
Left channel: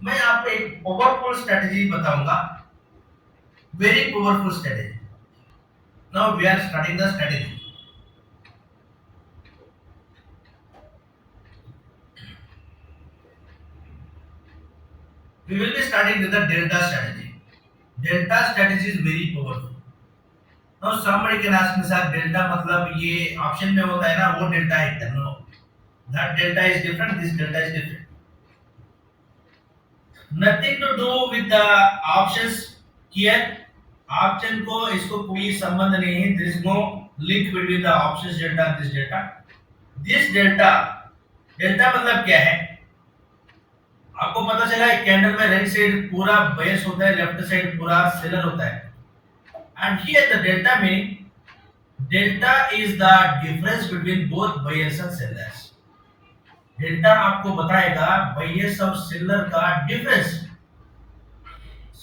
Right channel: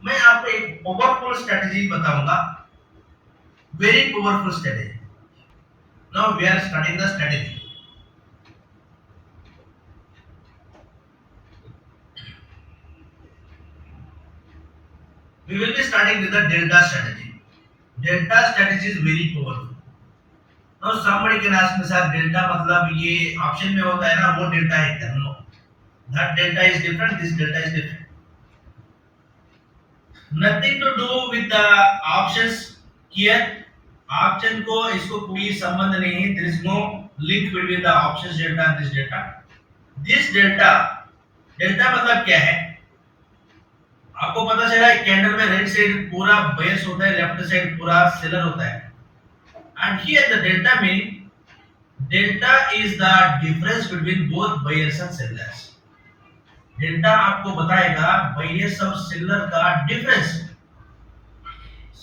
मैं आपको एक powerful strategy बताऊंगा. Very powerful strategy. Now we are starting the strategy. We will be starting with the delta strategy. Delta strategy is very powerful. Now somebody can ask me, sir, delta मतलब ये option में होता है ना, वो delta है क्या? No, that delta is different. This delta is different. Nothing to do with the options here. Option को इसको कोई संबंध नहीं है. There is no link between the options delta and this delta. This delta, delta मतलब क्या है? आपको पता चला है कैंडल में राइट साइड पूरा बायर्स होता है, लेफ्ट साइड पूरा सेलर होता है. And here the delta meaning, delta is the difference between both buyers and sellers. Delta आपको बताएगा बायर्स और सेलर का डिफरेंस.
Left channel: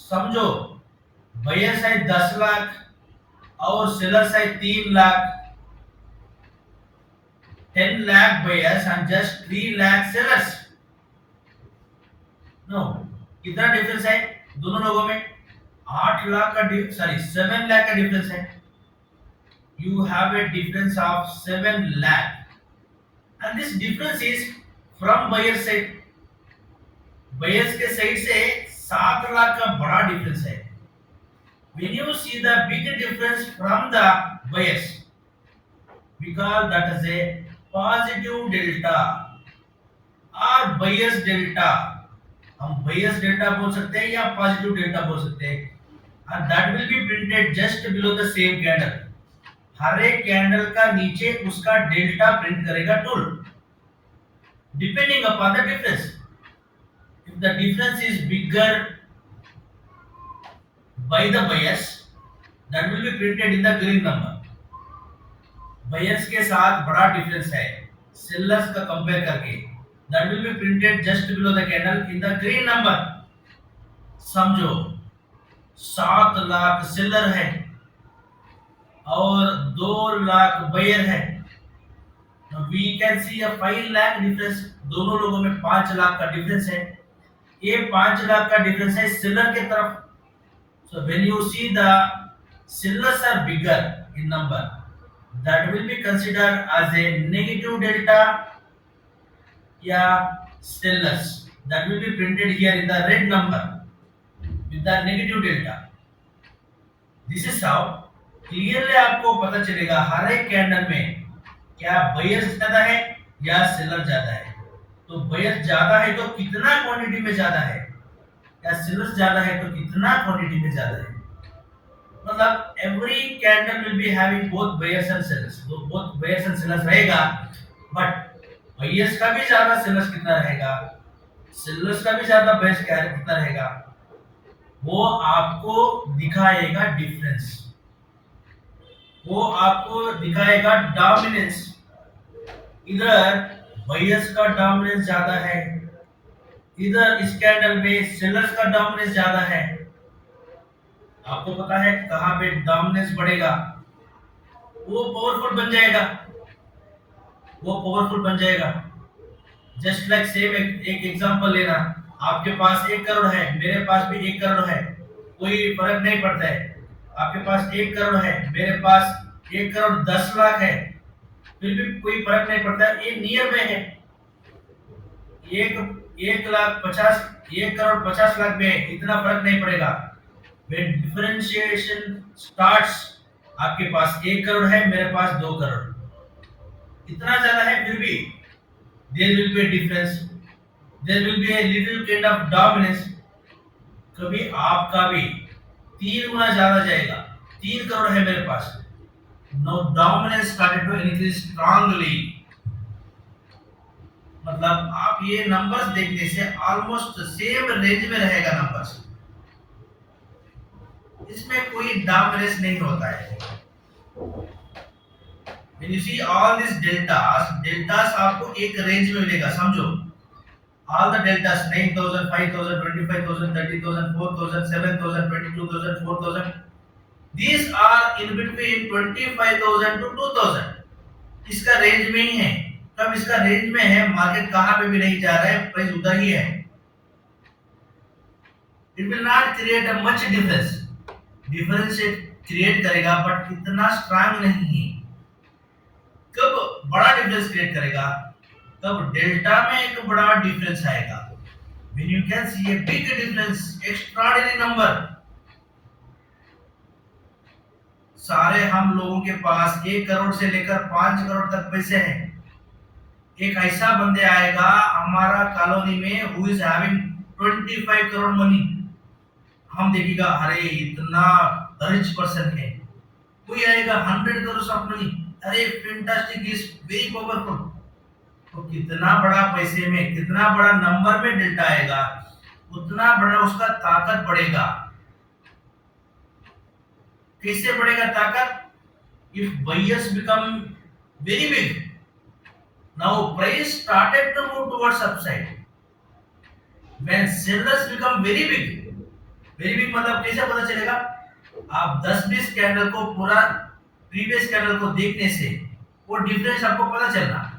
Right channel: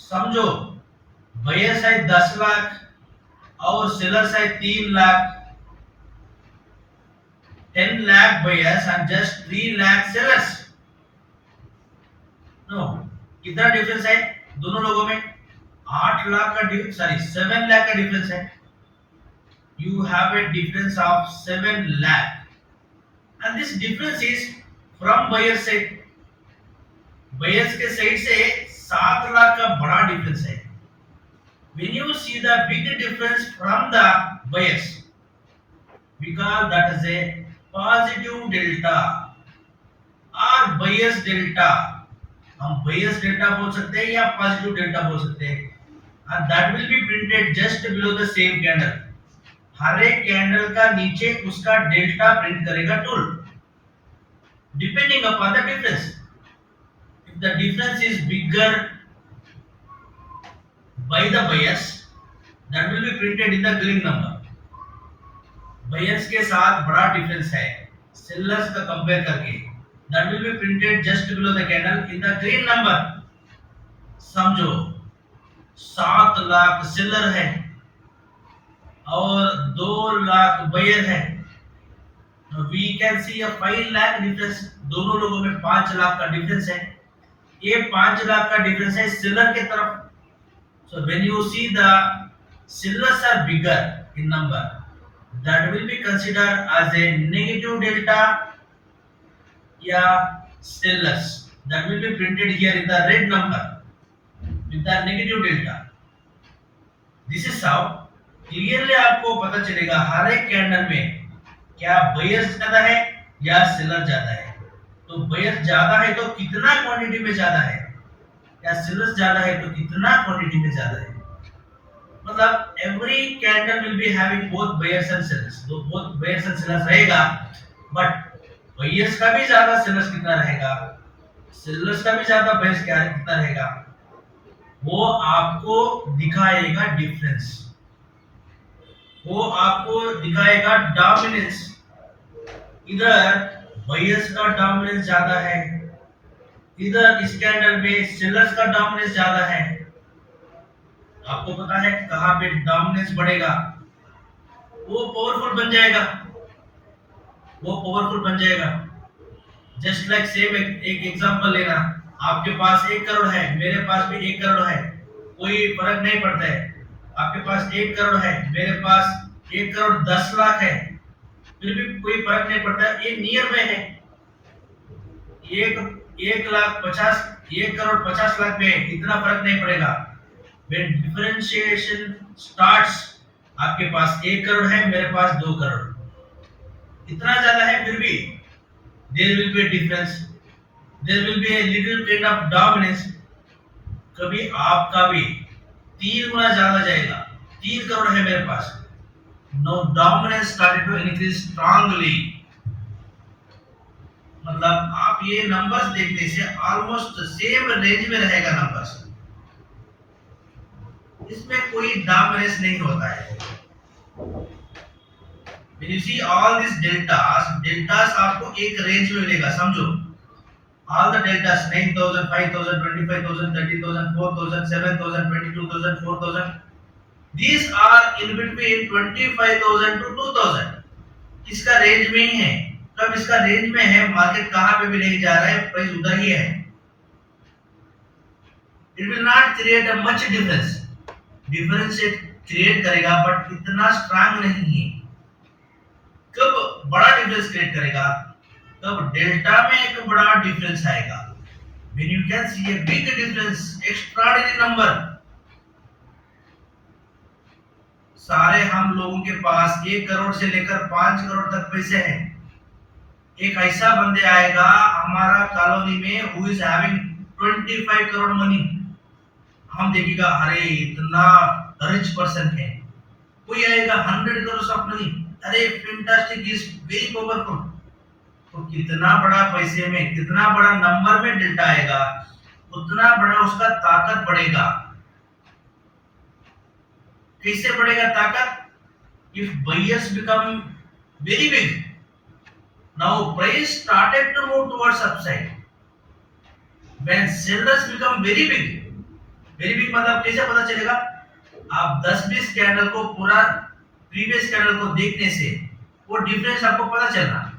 समझो, बायर्स है 10 लाख और सेलर्स है 3 lakh. 10 lakh buyers and just 3 lakh sellers. No, कितना डिफरेंस है दोनों लोगों में? 8 लाख का सॉरी 7 लाख का डिफरेंस है. You have a difference of 7 lakh, and this difference is from buyer side. Buyers के साइड से 7 लाख का बड़ा डिफरेंस है. When you see the big difference from the buyers, because that is a positive delta or buyers delta. हम buyers delta बोल सकते हैं या positive delta बोल सकते हैं. And that will be printed just below the same candle. हर एक कैंडल का नीचे उसका डेल्टा प्रिंट करेगा tool, depending upon the difference. If the difference is bigger by the buyers, that will be printed in the green number. Buyers के साथ बड़ा difference है sellers का कंपेयर करके, that will be printed just below the candle in the green number. समझो 7 lakh seller है और 2 lakh buyer है. We can see a 5 lakh difference. दोनों लोगों में 5 लाख का डिफरेंस है. ये 5 लाख का डिफरेंस है सेलर के तरफ. So when you see the sellers are bigger in number, that will be considered as a negative delta या sellers. That will be printed here in the red number with the negative delta. This is how clearly आपको पता चलेगा हर एक कैंडल में क्या बायर्स ज्यादा है या सेलर ज्यादा है. तो बायर्स ज्यादा है तो कितना क्वांटिटी में ज्यादा है, या सेलर्स ज्यादा है तो कितना क्वांटिटी में ज्यादा है. मतलब every candle will be having both buyers and sellers. तो बोथ बायर्स एंड सेलर्स रहेगा, बट बायर्स का भी ज्यादा सेलर्स कितना रहेगा, सेलर्स का भी ज्यादा बायर्स कितना रहेगा, वो आपको दिखाएगा डिफरेंस. वो आपको दिखाएगा डोमिनेंस. इधर बायर्स का डोमिनेंस ज्यादा है, इधर इस कैंडल में सेलर्स का डोमिनेंस ज्यादा है. आपको पता है कहां पे डोमिनेंस बढ़ेगा वो पावरफुल बन जाएगा, वो पावरफुल बन जाएगा. जस्ट लाइक सेम एक एग्जांपल लेना. आपके पास 1 करोड़ है, मेरे पास भी 1 करोड़ है, कोई फर्क नहीं पड़ता है. आपके पास 1 करोड़ है, मेरे पास 1 करोड़ 10 लाख है, फिर भी कोई फर्क नहीं पड़ता. ये नियर में है. 1 लाख 50, 1 करोड़ 50 लाख में इतना फर्क नहीं पड़ेगा. When differentiation starts, आपके पास 1 करोड़ है, मेरे पास 2 करोड़, इतना ज्यादा है, फिर भी there will be a difference, there will be a little kind of dominance. कभी आपका भी 3 गुना ज्यादा जाएगा. 3 करोड़ है मेरे पास, no dominance started to increase strongly. मतलब आप ये नंबर्स देखने से ऑलमोस्ट सेम रेंज में रहेगा नंबर्स, इसमें कोई डोमिनेंस नहीं होता है. When you see all these deltas आपको एक रेंज में मिलेगा. समझो all the deltas 9000, 5000, 25000, 30000, 4000, 7000, 22000, 4000, these are in between 25000 to 2000. इसका रेंज में ही है. कब इसका रेंज में है, मार्केट कहां पे भी नहीं जा रहा है, प्राइस उधर ही है. It will not create a much difference. Difference create करेगा बट इतना स्ट्रांग नहीं है. कब बड़ा डिफरेंस क्रिएट करेगा, तब डेल्टा में एक बड़ा डिफरेंस आएगा. when you can see a big difference, extraordinary number. सारे हम लोगों के पास 1 करोड़ से लेकर 5 करोड़ तक पैसे हैं. एक ऐसा बंदे आएगा हमारा कॉलोनी में who is having 25 करोड़ मनी. हम देखेगा अरे इतना रिच पर्सन है. कोई आएगा 100 करोड़ ऑफ मनी, अरे फैंटास्टिक, इज वेरी पावरफुल. तो कितना बड़ा पैसे में, कितना बड़ा नंबर में डेल्टा आएगा, उतना बड़ा उसका ताकत बढ़ेगा. कैसे बढ़ेगा ताकत? If buyers become very big, now price started to move towards upside. When sellers become very big, very big मतलब कैसे पता चलेगा? आप 10-20 कैंडल को पूरा प्रीवियस कैंडल को देखने से वो डिफरेंस आपको पता चलना.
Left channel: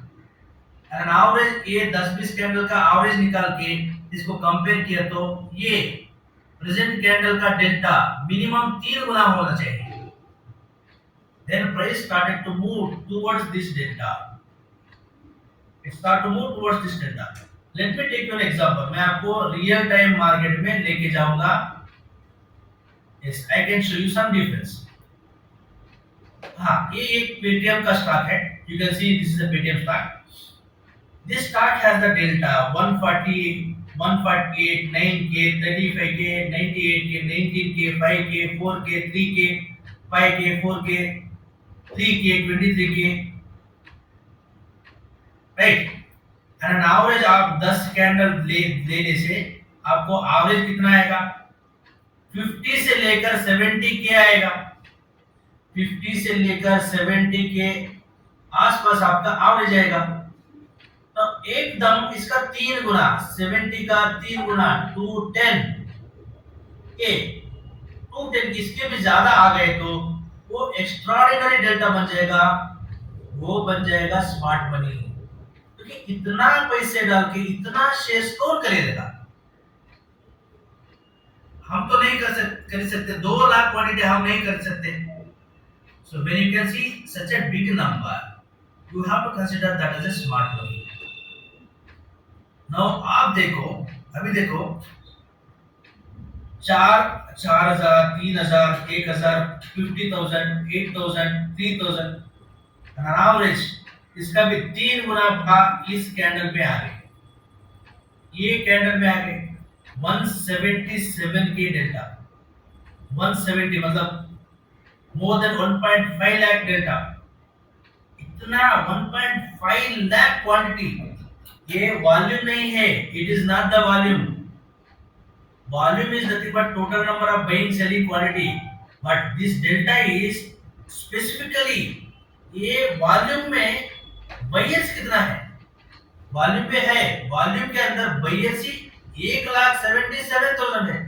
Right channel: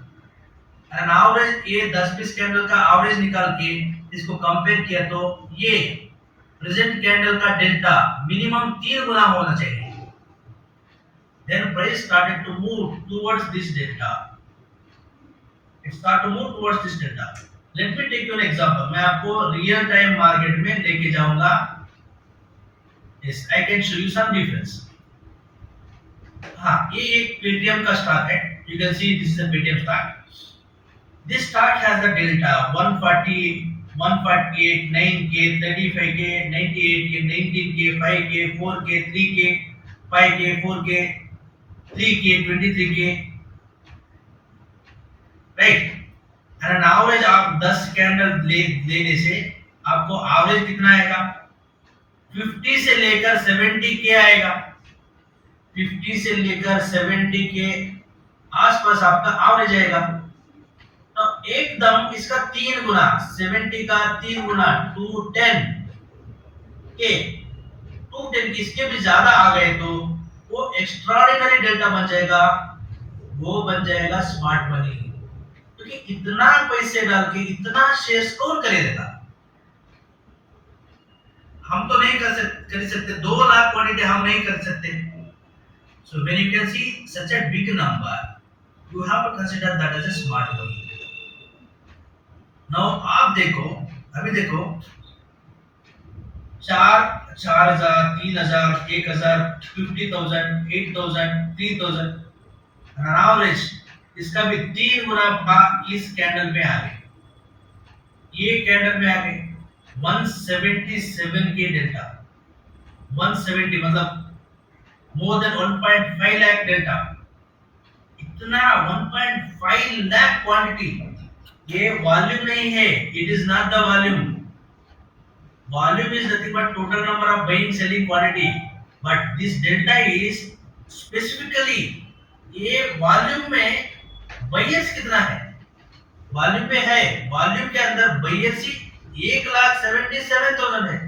एन एवरेज ये 10-20 कैंडल का एवरेज निकाल के इसको कंपेयर किया तो ये प्रेजेंट कैंडल का डेल्टा मिनिमम 3 गुना होना चाहिए. Then price started to move towards this delta. It started to move towards this delta. Let me take you an example. मैं आपको रियल टाइम मार्केट में लेके जाऊंगा. Yes, I can show you some difference. हाँ, ये एक पेटीएम का स्टॉक है. You can see this is a Paytm stock. This stock has the delta 140, 148, 9K, 35K, 98K, 19K, 5K, 4K, 3K, 5K, 4K, 3K, 23K, right? And an average आप 10 कैंडल लेने से आपको एवरेज कितना आएगा? 50 से लेकर 70 के आएगा. 50 से लेकर 70 के आसपास आपका एवरेज आएगा. तो एकदम इसका 3 गुना, 70 का 3 गुना 210 के 210 इसके भी ज्यादा आ गए तो वो एक्स्ट्राऑर्डिनरी डेल्टा बन जाएगा. वो बन जाएगा स्मार्ट मनी. क्योंकि इतना पैसे डाल के इतना शेयर्स कौन खरीदेगा? हम तो नहीं कर सकते. 2 लाख क्वांटिटी हम नहीं कर सकते. So when you can see such a big number you have to consider that as a smart money. Now आप देखो, अभी देखो 4,000, 3,000, 1,000, 50,000, 8,000, 3,000 एवरेज इसका भी 3 गुना भाग इस कैंडल पे आ गए. ये कैंडल में आ गए 177 के डेल्टा. 170 मतलब मोर देन 1.5 लाख डेल्टा. इतना 1.5 लाख क्वांटिटी. ये वॉल्यूम नहीं है. It is not the volume. Volume is nothing but total number of buying selling quantity. But this delta is specifically ये वॉल्यूम में बायर्स कितना है? वॉल्यूम पे है. वॉल्यूम के अंदर बायर्स ही 1,77,000 है.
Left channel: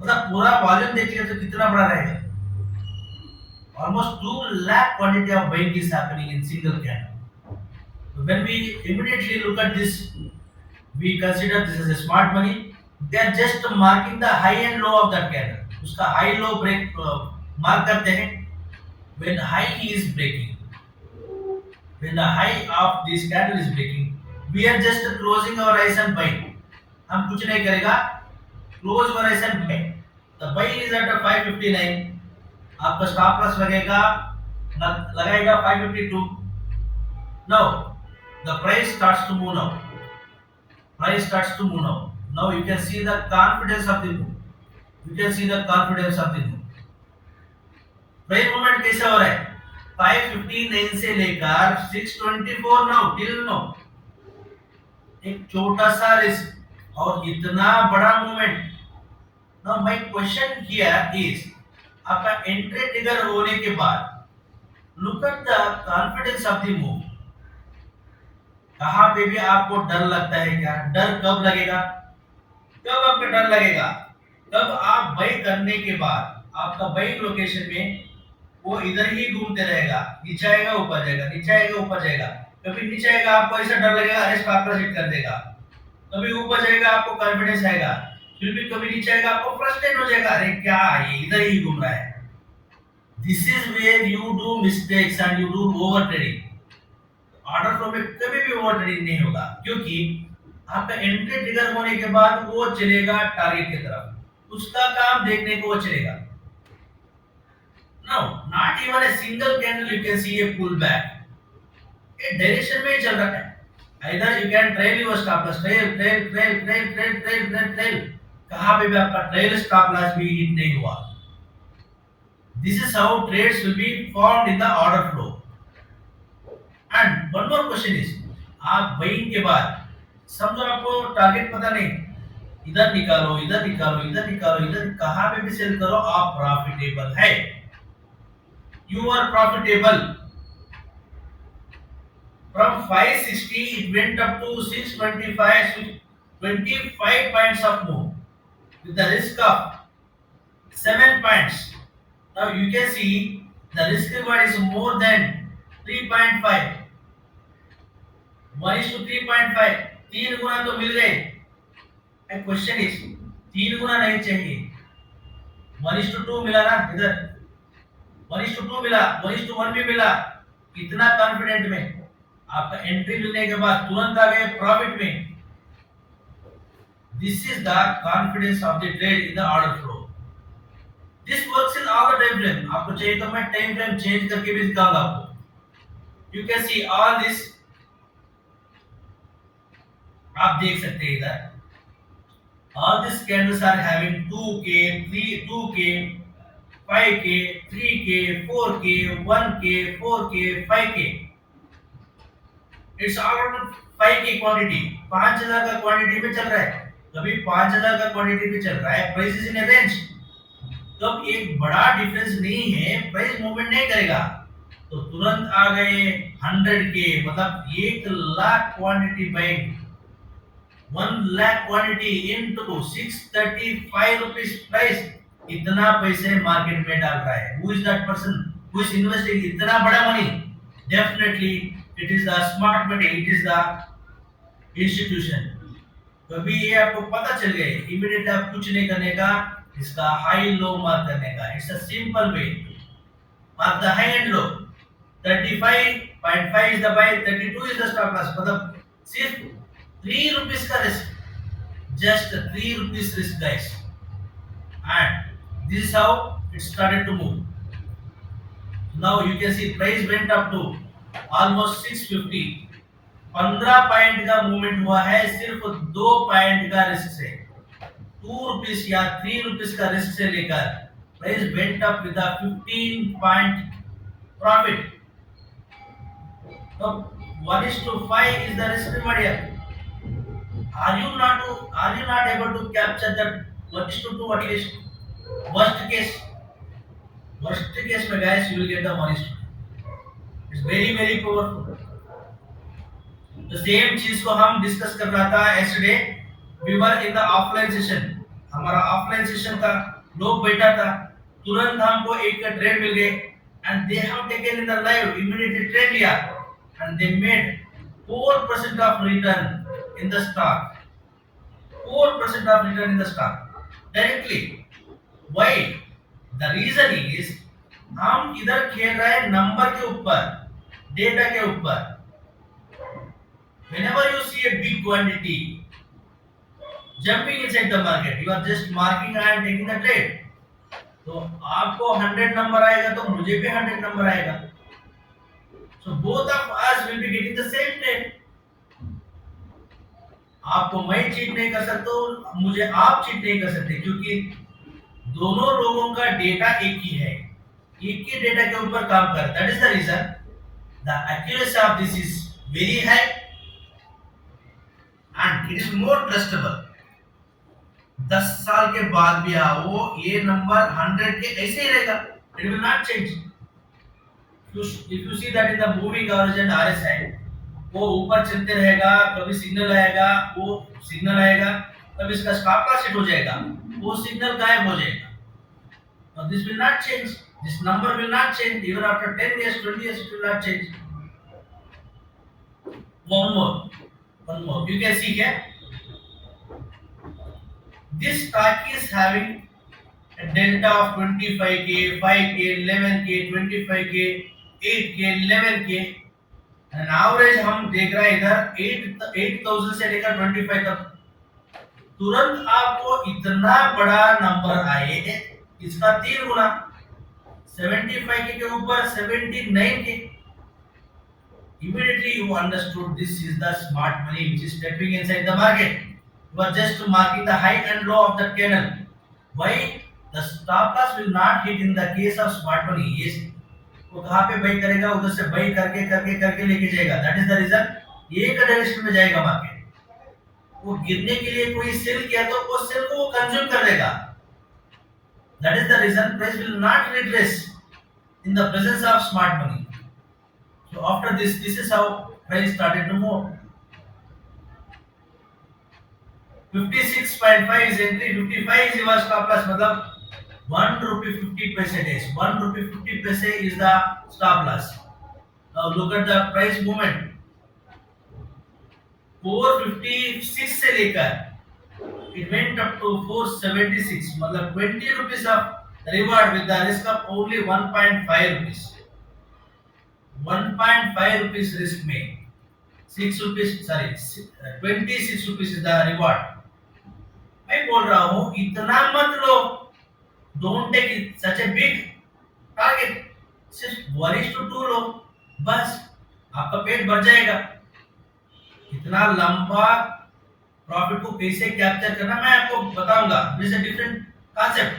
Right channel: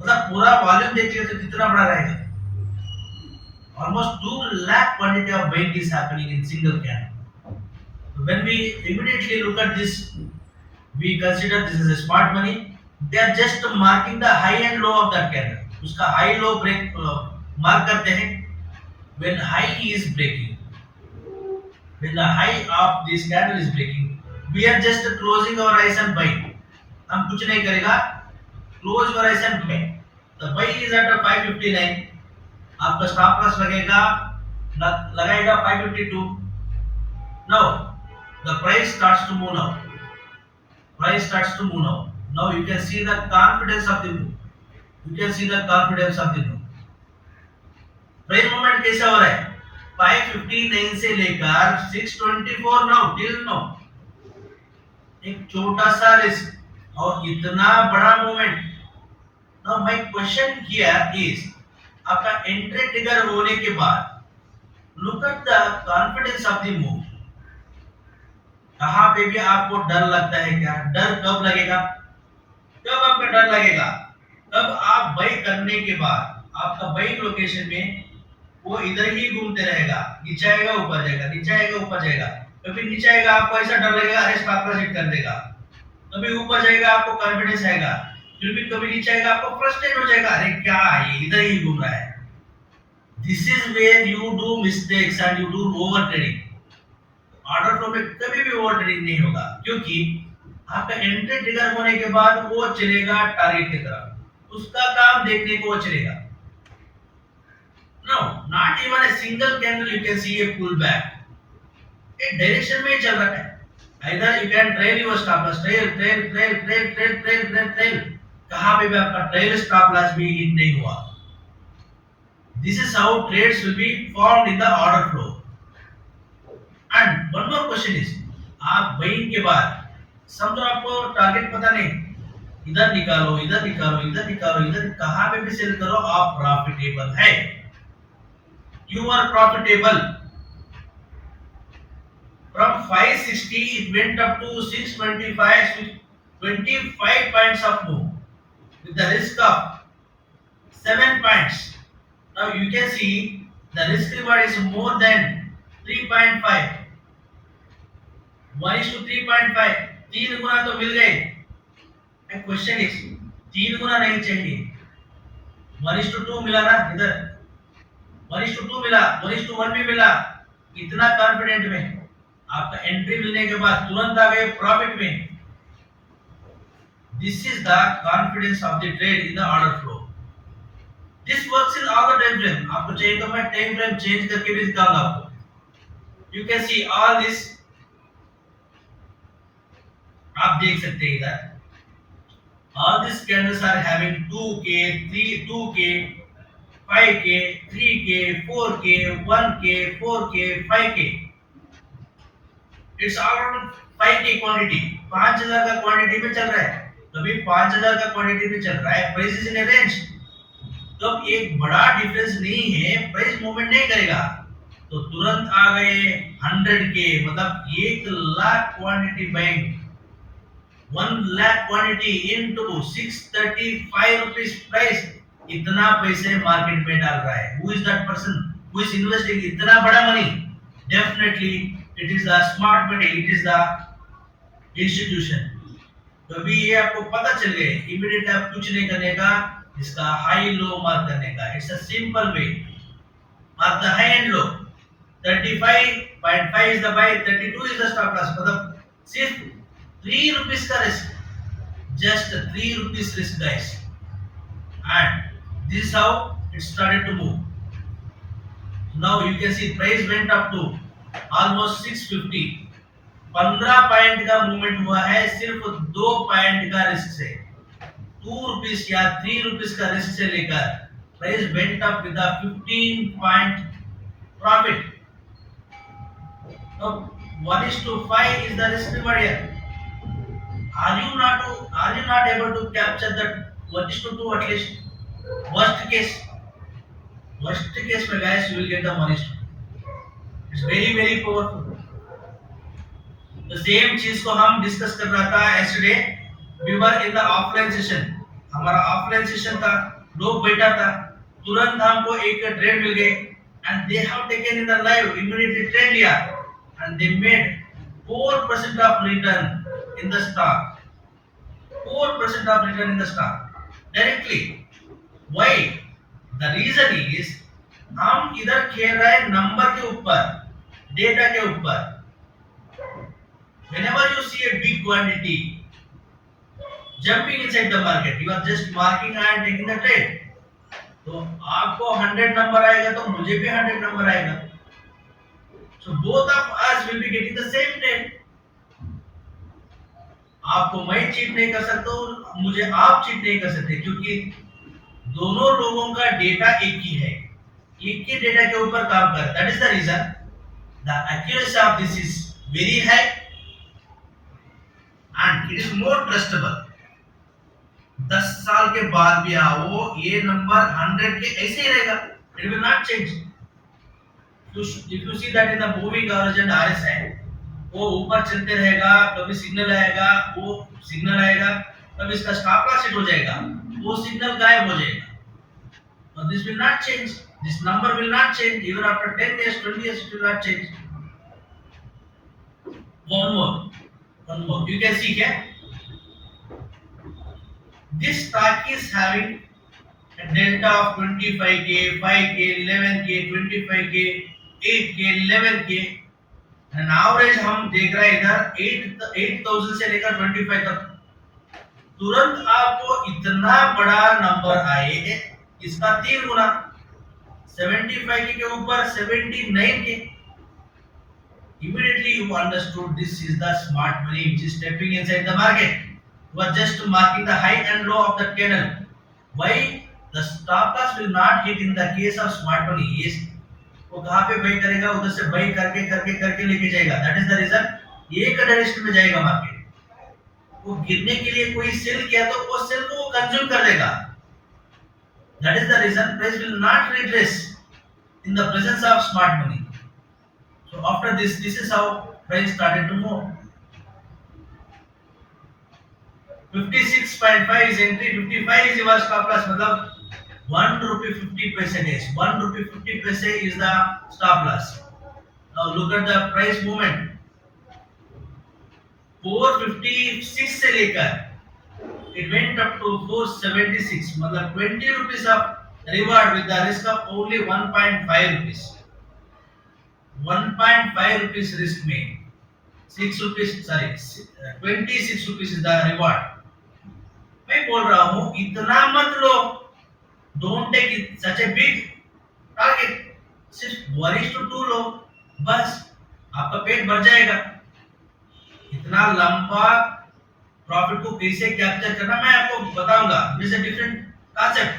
मतलब पूरा वॉल्यूम देखिए तो कितना बड़ा रहेगा. Almost 2 lakh quantity of buying is happening in single candle. When we immediately look at this, we consider this as a smart money. They are just marking the high and low of that candle. उसका high low break mark करते हैं. When high is breaking, when the high of this candle is breaking, we are just closing our eyes and buying. हम कुछ नहीं करेगा. Close our eyes and buy. The buy is at 559. आपका stop loss लगाएगा 552. Now the price starts to move now. Price starts to move now. Now you can see the confidence of the move. You can see the confidence of the move. Price movement कैसे हो रहा है? 559 से लेकर 624 now till now. एक छोटा सा रिस्क और इतना बड़ा movement. Now my question here is आपका एंट्री ट्रिगर होने के बाद look at the confidence of the move. कहां पे भी आपको डर लगता है क्या? डर कब लगेगा? कब आपका डर लगेगा? तब आप बाई करने के बाद आपका बाई लोकेशन में वो इधर ही घूमते रहेगा. नीचे आएगा ऊपर जाएगा, नीचे आएगा ऊपर जाएगा. कभी नीचे आएगा आपको ऐसा डर लगेगा अरे स्टॉप लॉस हिट कर देगा. कभी ऊपर जाएगा आपको कॉन्फिडेंस आएगा. फिर भी कभी नीचे आएगा आपको फ्रस्ट्रेट हो जाएगा अरे क्या है इधर ही घूम रहा है. This is where you do mistakes and you do over trading. Order flow में कभी भी ओवर ट्रेडिंग नहीं होगा क्योंकि आपका एंट्री ट्रिगर होने के बाद वो चलेगा टारगेट की तरफ. उसका काम देखने को वो चलेगा. Now, not even a single candle you can see a pullback. एक डायरेक्शन में चल रहा है. Either you can trail your stop loss, trail. कहाँ पे भी आपका trail stop loss भी hit नहीं हुआ. This is how trades will be formed in the order flow. And one more question is, आप buying के बाद समझो आपको टारगेट पता नहीं, इधर निकालो, इधर निकालो, इधर निकालो, इधर कहाँ पे भी सेल करो आप प्रॉफिटेबल है. You are profitable. From 560 it went up to 625, 25 points of move with the risk of 7 points. Now you can see the risk reward is more than 3.5. 1:3.5, 3 गुना तो मिल गए। क्वेश्चन इज 3 गुना नहीं चाहिए, 1:2 मिला ना इधर, 1:2 मिला, 1:1 भी मिला। इतना कॉन्फिडेंट में आपका एंट्री मिलने के बाद तुरंत आ गए प्रॉफिट में। This is the confidence of the trade in the order flow. This works in all the time frame. आपको चाहिए तो मैं टाइम फ्रेम चेंज करके भी दिखाऊंगा आपको। You can see all this, आप देख सकते हैं इधर all these candles are having 2k 3 2k 5k 3k 4k 1k 4k 5k। It's all around 5k quantity, 5000 का क्वांटिटी में चल रहा है, कभी 5000 का क्वांटिटी में चल रहा है, प्राइस इज इन ए रेंज। तो अब एक बड़ा डिफरेंस नहीं है, प्राइस मूवमेंट नहीं करेगा तो तुरंत आ गए 100k, मतलब 1 lakh quantity buying, 1 lakh quantity into 635 rupees price. इतना पैसे मार्केट में डाल रहा है। Who is that person who is investing इतना बड़ा money? Definitely it is the smart money, it is the institution. तो अभी ये आपको पता चल गया, इमीडिएट आप कुछ नहीं करने का, इसका हाई लो मार्क करने का। It's a simple way, mark the high and low. 35.5 is the buy, 32 is the stop loss, मतलब सिर्फ 3 रुपीस का risk, just 3 rupees risk guys, and this is how it started to move. Now you can see price went up to almost 650, 15 पॉइंट का मूवमेंट हुआ है सिर्फ 2 पॉइंट का रिस्क से, 2 रुपीस या 3 रुपीस का रिस्क से लेकर price went up with 15 point profit. तो 1:5 is the risk reward here. Are you not able to capture that 1:2 at least? Worst case, worst case में guys you will get the 1:2. It's very very powerful. The same चीज को हम डिस्कस कर रहा था yesterday. We were in the offline session. हमारा offline session था, लोग बैठा था, तुरंत हमको एक ट्रेड मिल गए and they have taken in the live immediately trade लिया and they made 4% of return in the stock, 4% of return in the stock directly. Why? The reason is हम इधर खेल रहे हैं नंबर के ऊपर, डेटा के ऊपर। Whenever you see a big quantity jumping inside the market, you are just marking and taking the trade. तो आपको 100 नंबर आएगा तो मुझे भी 100 नंबर आएगा। So both of us will be getting the same trade. आपको मैं चीट नहीं कर सकता और मुझे आप चीट नहीं कर सकते, क्योंकि दोनों लोगों का डेटा एक ही है, एक ही डेटा के ऊपर काम कर। That is the reason the accuracy of this is very high and it is more trustable. 10 साल के बाद भी वो ये नंबर 100 के ऐसे ही रहेगा, it will not change. If you see that in the moving average and RSI, वो ऊपर चलते रहेगा, कभी सिग्नल आएगा, वो सिग्नल आएगा, तब इसका स्टॉप लॉस हिट हो जाएगा, वो सिग्नल गायब हो जाएगा। Now this will not change, this number will not change even after 10 years 20 years, it will not change. One more you can see here, this stock is having a delta of 25k 5k 11k 25k 8k 11k and average हम देख रहे हैं इधर 8000 से लेकर 25 तक। तुरंत आपको इतना बड़ा नंबर आए, इसका 3 गुना, 75 के ऊपर 79 के। Immediately you understood this is the smart money which is stepping inside the market. You are just marking the high and low of the candle. Why? The stop loss will not hit in the case of smart money. Yes, वो कहाँ पे बाई करेगा, उधर से बाई करके करके करके लेके जाएगा। दैट इज द रीजन एक डायरेक्शन में जाएगा मार्केट। वो गिरने के लिए कोई सेल किया तो वो सेल को वो कंज्यूम कर देगा। That is the reason price will not retrace in the presence of smart money. So after this is how price started to move. 56.5 is entry, 55 is your stop loss, मतलब 1 rupee 50 paise days, 1 rupee 50 paise is the stop loss. Now look at the price movement. 456 से लेकर it went up to 476, मतलब 20 rupees of reward with the risk of only 1.5 rupees. 1.5 rupees risk में 6 rupees, sorry 26 rupees is the reward. मैं बोल रहा हूं इतना मत लो, don't take such a big target, सिर्फ 1:2 लो, बस आपका पेट भर जाएगा। इतना लंबा प्रॉफिट को कैसे कैप्चर करना मैं आपको बताऊंगा, this is different concept.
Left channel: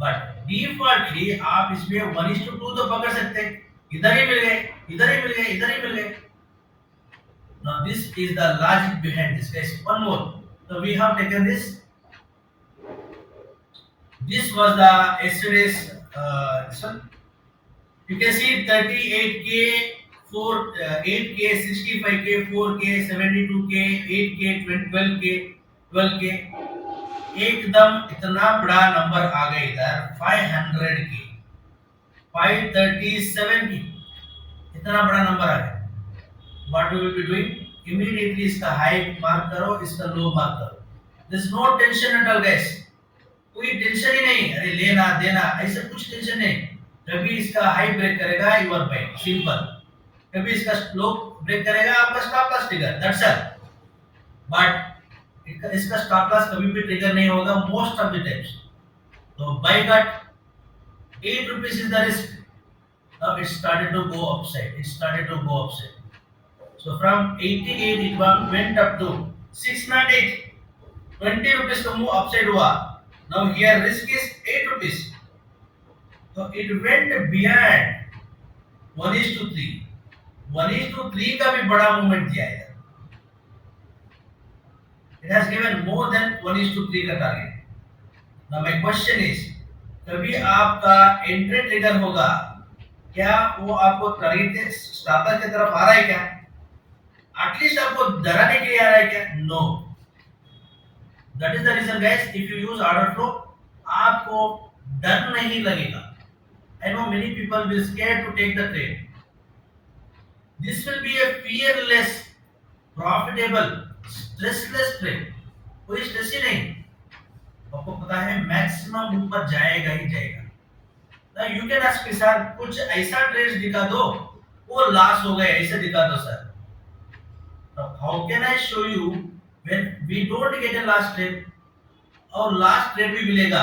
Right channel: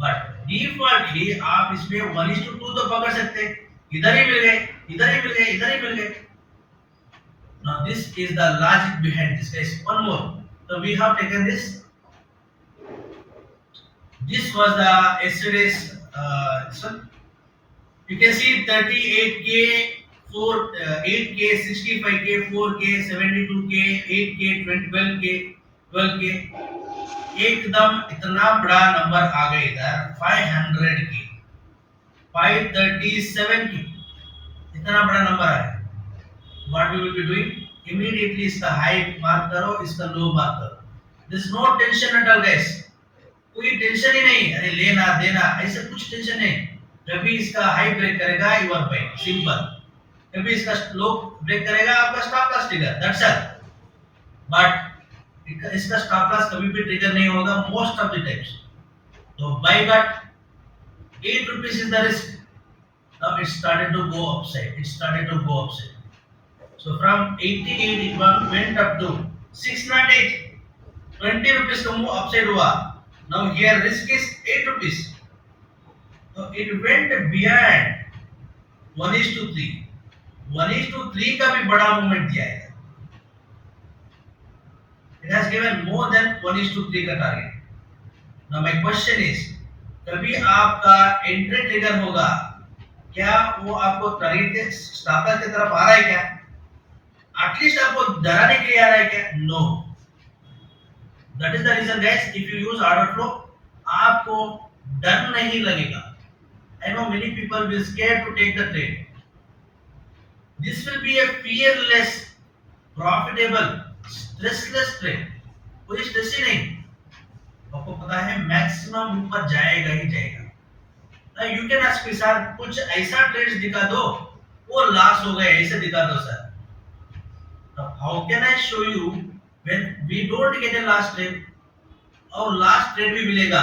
But defaultly आप इसमें 1:2 तो पकड़ सकते हैं, इधर ही मिल गए, इधर ही मिल गए, इधर ही मिल गए। Now this is the logic behind this guys. One more, so we have taken this. This was the yesterday's this one. You can see 38k, 8k, 65k, 4k, 72k, 8k, 12k, 12k, एकदम इतना बड़ा नंबर आ गया इधर 500k, 537k, इतना बड़ा नंबर आ गया। What we will be doing? Immediately इसका high mark करो, इसका लो मार्क करो। There is no tension at all guys. कोई टेंशन ही नहीं, अरे लेना देना ऐसा कुछ टेंशन नहीं। कभी इसका हाई ब्रेक करेगा यूर बाय, सिंपल। कभी इसका लो ब्रेक करेगा आपका stop loss trigger, that's all. But इसका स्टॉप लॉस कभी भी ट्रिगर नहीं होगा मोस्ट ऑफ द टाइम्स। तो बाय गट 8 rupees is the risk. Now it started to go upside. It started to go upside. So from 88 it went up to 608. 20 rupees का move upside हुआ। Now here risk is 8 rupees. So it went beyond 1:3. 1:3 का भी बड़ा मूवमेंट दिया है। It has given more than 1:3 का target. Now my question is, कभी आपका एंट्री ट्रिगर होगा क्या? वो आपको टारगेट के स्टॉप लॉस की तरफ आ रहा है क्या? एटलीस्ट आपको डराने के लिए आ रहा है क्या? No. That is the reason guys, if you use order flow आपको डर नहीं लगेगा। I know many people will scare to take the trade. This will be a fearless, profitable, stressless trade. कोई स्ट्रेस ही नहीं, आपको पता है मैक्सिमम ऊपर जाएगा ही जाएगा। ना you can ask me sir कुछ ऐसा ट्रेड्स दिखा दो वो लॉस हो गए, ऐसे दिखा दो sir. Now, how can I show you when we don't get a last trade? और लास्ट ट्रेड भी मिलेगा,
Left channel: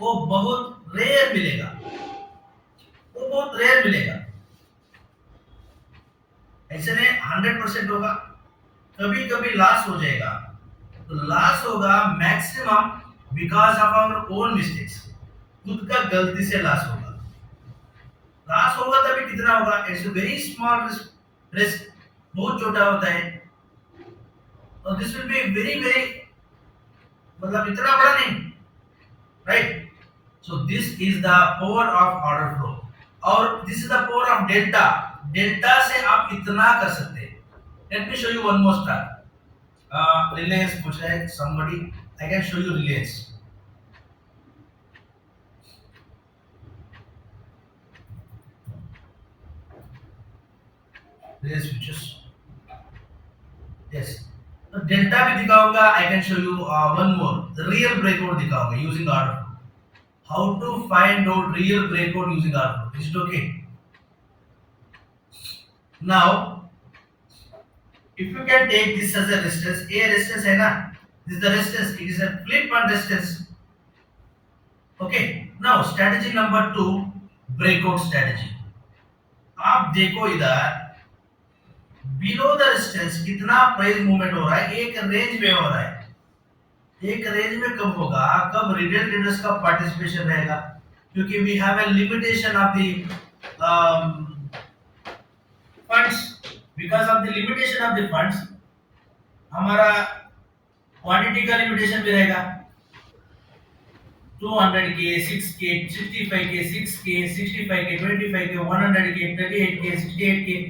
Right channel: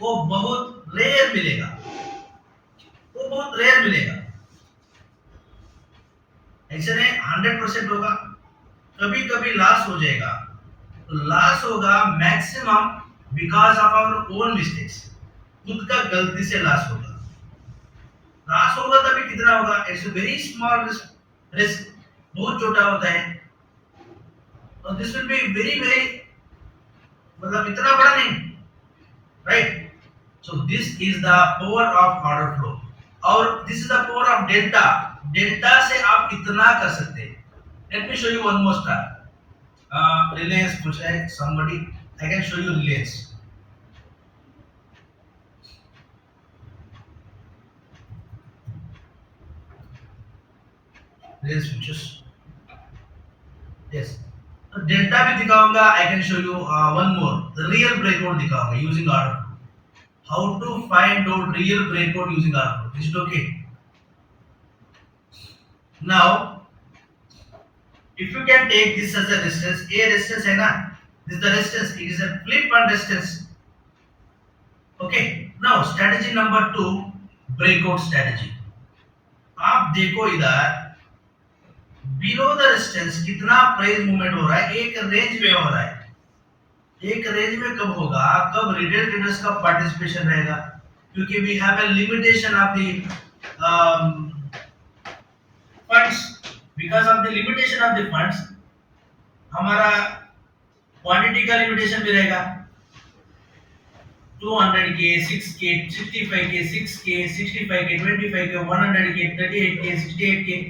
वो बहुत रेयर मिलेगा, वो बहुत रेयर मिलेगा। ऐसे नहीं 100% होगा, कभी कभी लॉस हो जाएगा। तो लॉस होगा maximum because of our own mistakes, खुद का गलती से लॉस होगा। लॉस होगा तभी कितना होगा? It's a very small risk, बहुत छोटा होता है। तो this will be very very, मतलब इतना बड़ा नहीं, right? So this is the power of order flow, और this is the power of delta. Delta से आप इतना कर सकते हैं। Let me show you one more star. Reliance पूछ रहा है somebody, I can show you Reliance. Reliance futures. Yes. Delta भी दिखाऊंगा। I can show you one more real breakout दिखाऊंगा using order flow. How to find out real breakout using order flow, is it okay? Now if you can take this as a resistance, ये resistance है ना, this is the resistance, it is a flip on resistance. Okay, now strategy number 2, breakout strategy. आप देखो इधर below the resistance कितना price movement हो रहा है, एक रेंज में हो रहा है। एक रेंज में कब होगा? कब रिटेल ट्रेडर्स का पार्टिसिपेशन रहेगा, क्योंकि we have a limitation of the funds. Because of the limitation of the funds हमारा क्वांटिटी का लिमिटेशन भी रहेगा। 200k, 6k, 65k, 6k, 65k, 25k, 100k, 38k, 68k,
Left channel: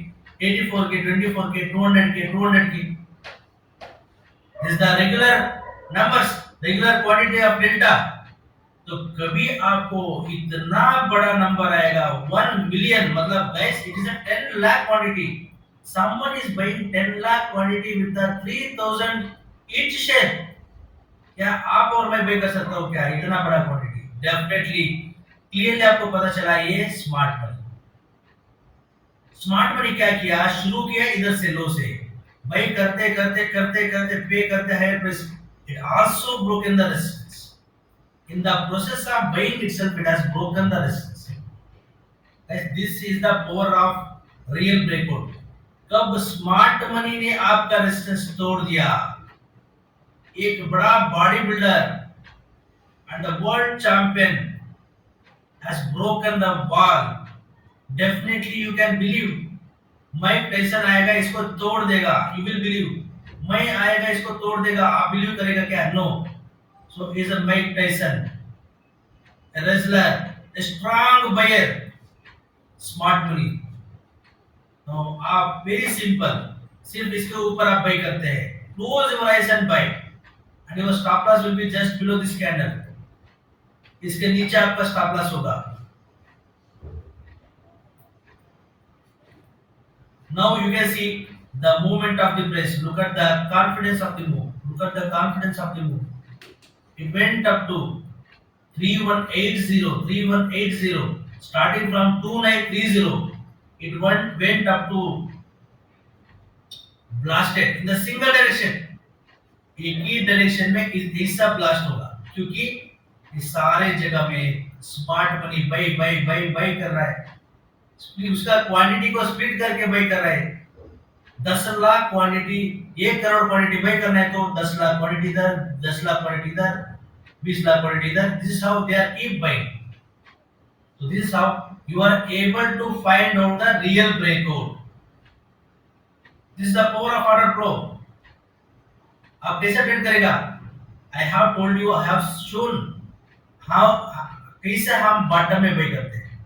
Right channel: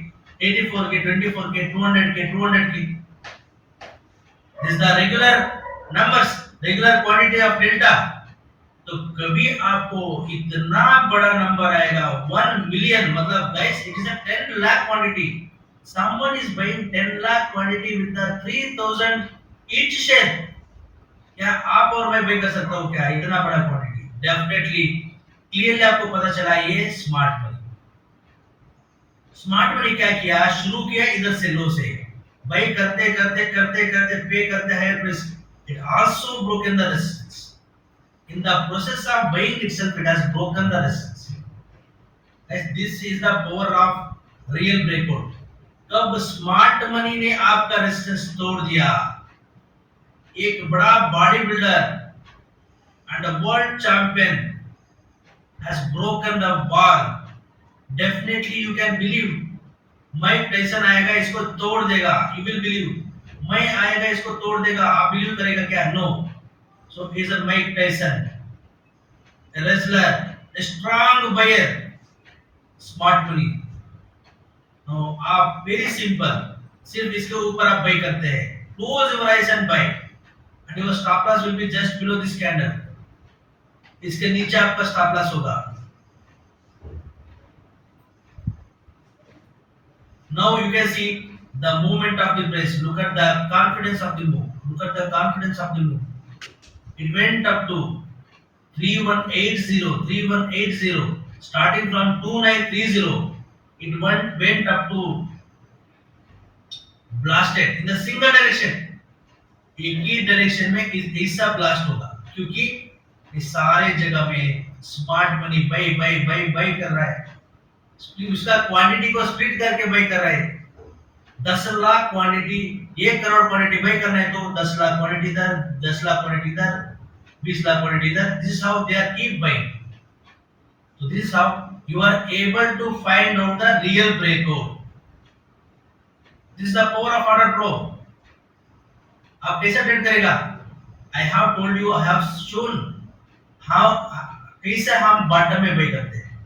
84k, 24k, 200k, 200k. This is the regular numbers, regular quantity of delta. तो कभी आपको इतना बड़ा नंबर आएगा 1 मिलियन, मतलब guys it is a 10 lakh quantity. Someone is buying 10 lakh quantity with the 3000 each share. क्या आप और मैं पे कर सकता हूँ क्या इतना बड़ा क्वांटिटी? डेफिनेटली क्लियरली आपको पता चला ये स्मार्ट मनी। स्मार्ट मनी क्या किया, शुरू किया इधर से लो से, भाई करते करते करते करते पे करते higher price, it also broken the resistance in the process of buying itself, it has broken the resistance. This is the power of real breakout. कब स्मार्ट मनी ने आपका रेजिस्टेंस तोड़ दिया, एक बड़ा body builder and the world champion has broken the wall, definitely you can believe Mike Tyson आएगा इसको तोड़ देगा, you will believe। मैं आएगा इसको तोड़ देगा, आप बिलीव करेगा क्या? No. So is a Mike Tyson, a wrestler, a strong buyer, smart money। तो आप वेरी सिंपल, सिर्फ इसके ऊपर आप बाय करते हैं, close your eyes and buy, and your stop loss will be just below this candle. इसके नीचे आपका स्टॉप लॉस होगा। Now you can see the movement of the price. Look at the confidence of the move. Look at the confidence of the move. It went up to 3180, 3180, starting from 2930. It went up to blasted in the single direction। एक ही डायरेक्शन में ऐसा ब्लास्ट होगा, क्योंकि इस सारे जगह में smart money buy buy buy buy कर रहा है, उसका क्वांटिटी को स्प्लिट करके बाय कर रहा है। 10 lakh quantity, 1 crore quantity buy करना है तो 10 लाख क्वांटिटी इधर, 10 लाख क्वांटिटी इधर, 20 लाख क्वांटिटी इधर। This is how they are keep buying. So this is how you are able to find out the real breakout। This is the power of order pro। आप कैसे ट्रेड करेगा? I have told you, I have shown how कैसे हम बॉटम में बाय करते हैं,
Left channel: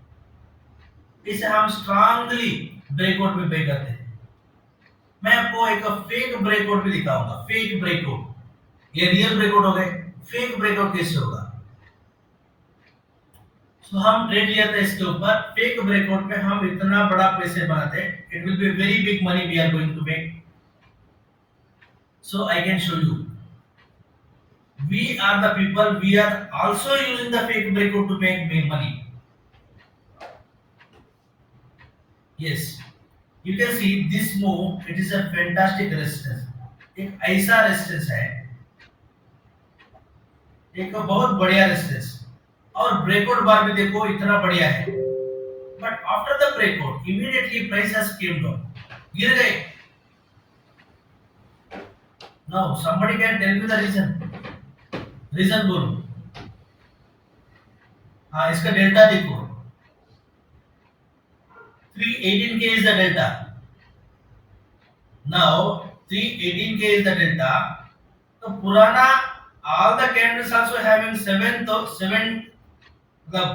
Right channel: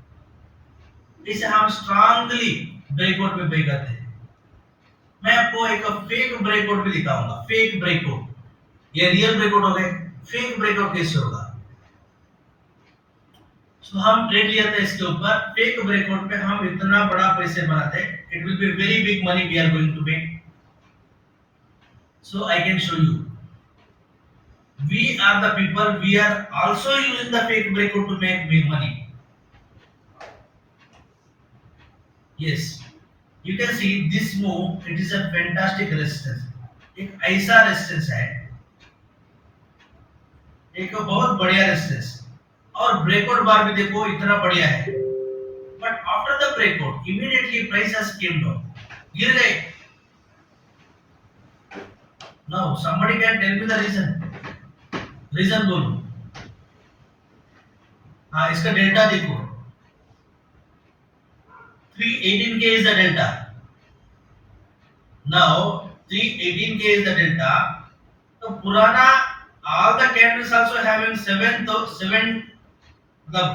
कैसे हम स्ट्रांगली ब्रेकआउट में बाय करते हैं। मैं आपको एक फेक ब्रेकआउट भी दिखाऊंगा। फेक ब्रेकआउट, ये रियल ब्रेकआउट हो गए, फेक ब्रेकआउट कैसे होगा? तो हम ट्रेड लिया था इसके ऊपर, फेक ब्रेकआउट पे हम इतना बड़ा पैसे बनाते हैं, it will be very big money we are going to make. So I can show you, we are the people, we are also using the fake breakout to make money। yes, you can see this move, it is a fantastic resistance। एक ऐसा रेजिस्टेंस है, एक बहुत बढ़िया रेजिस्टेंस, और ब्रेकआउट बार भी देखो इतना बढ़िया है, but after the breakout immediately price has came down, गिर गए। Now somebody can tell me the reason बोलो। हाँ, इसका डेल्टा देखो, 318k is the delta। now 318k is the delta। तो पुराना all the candles also having 7 तो 7 मतलब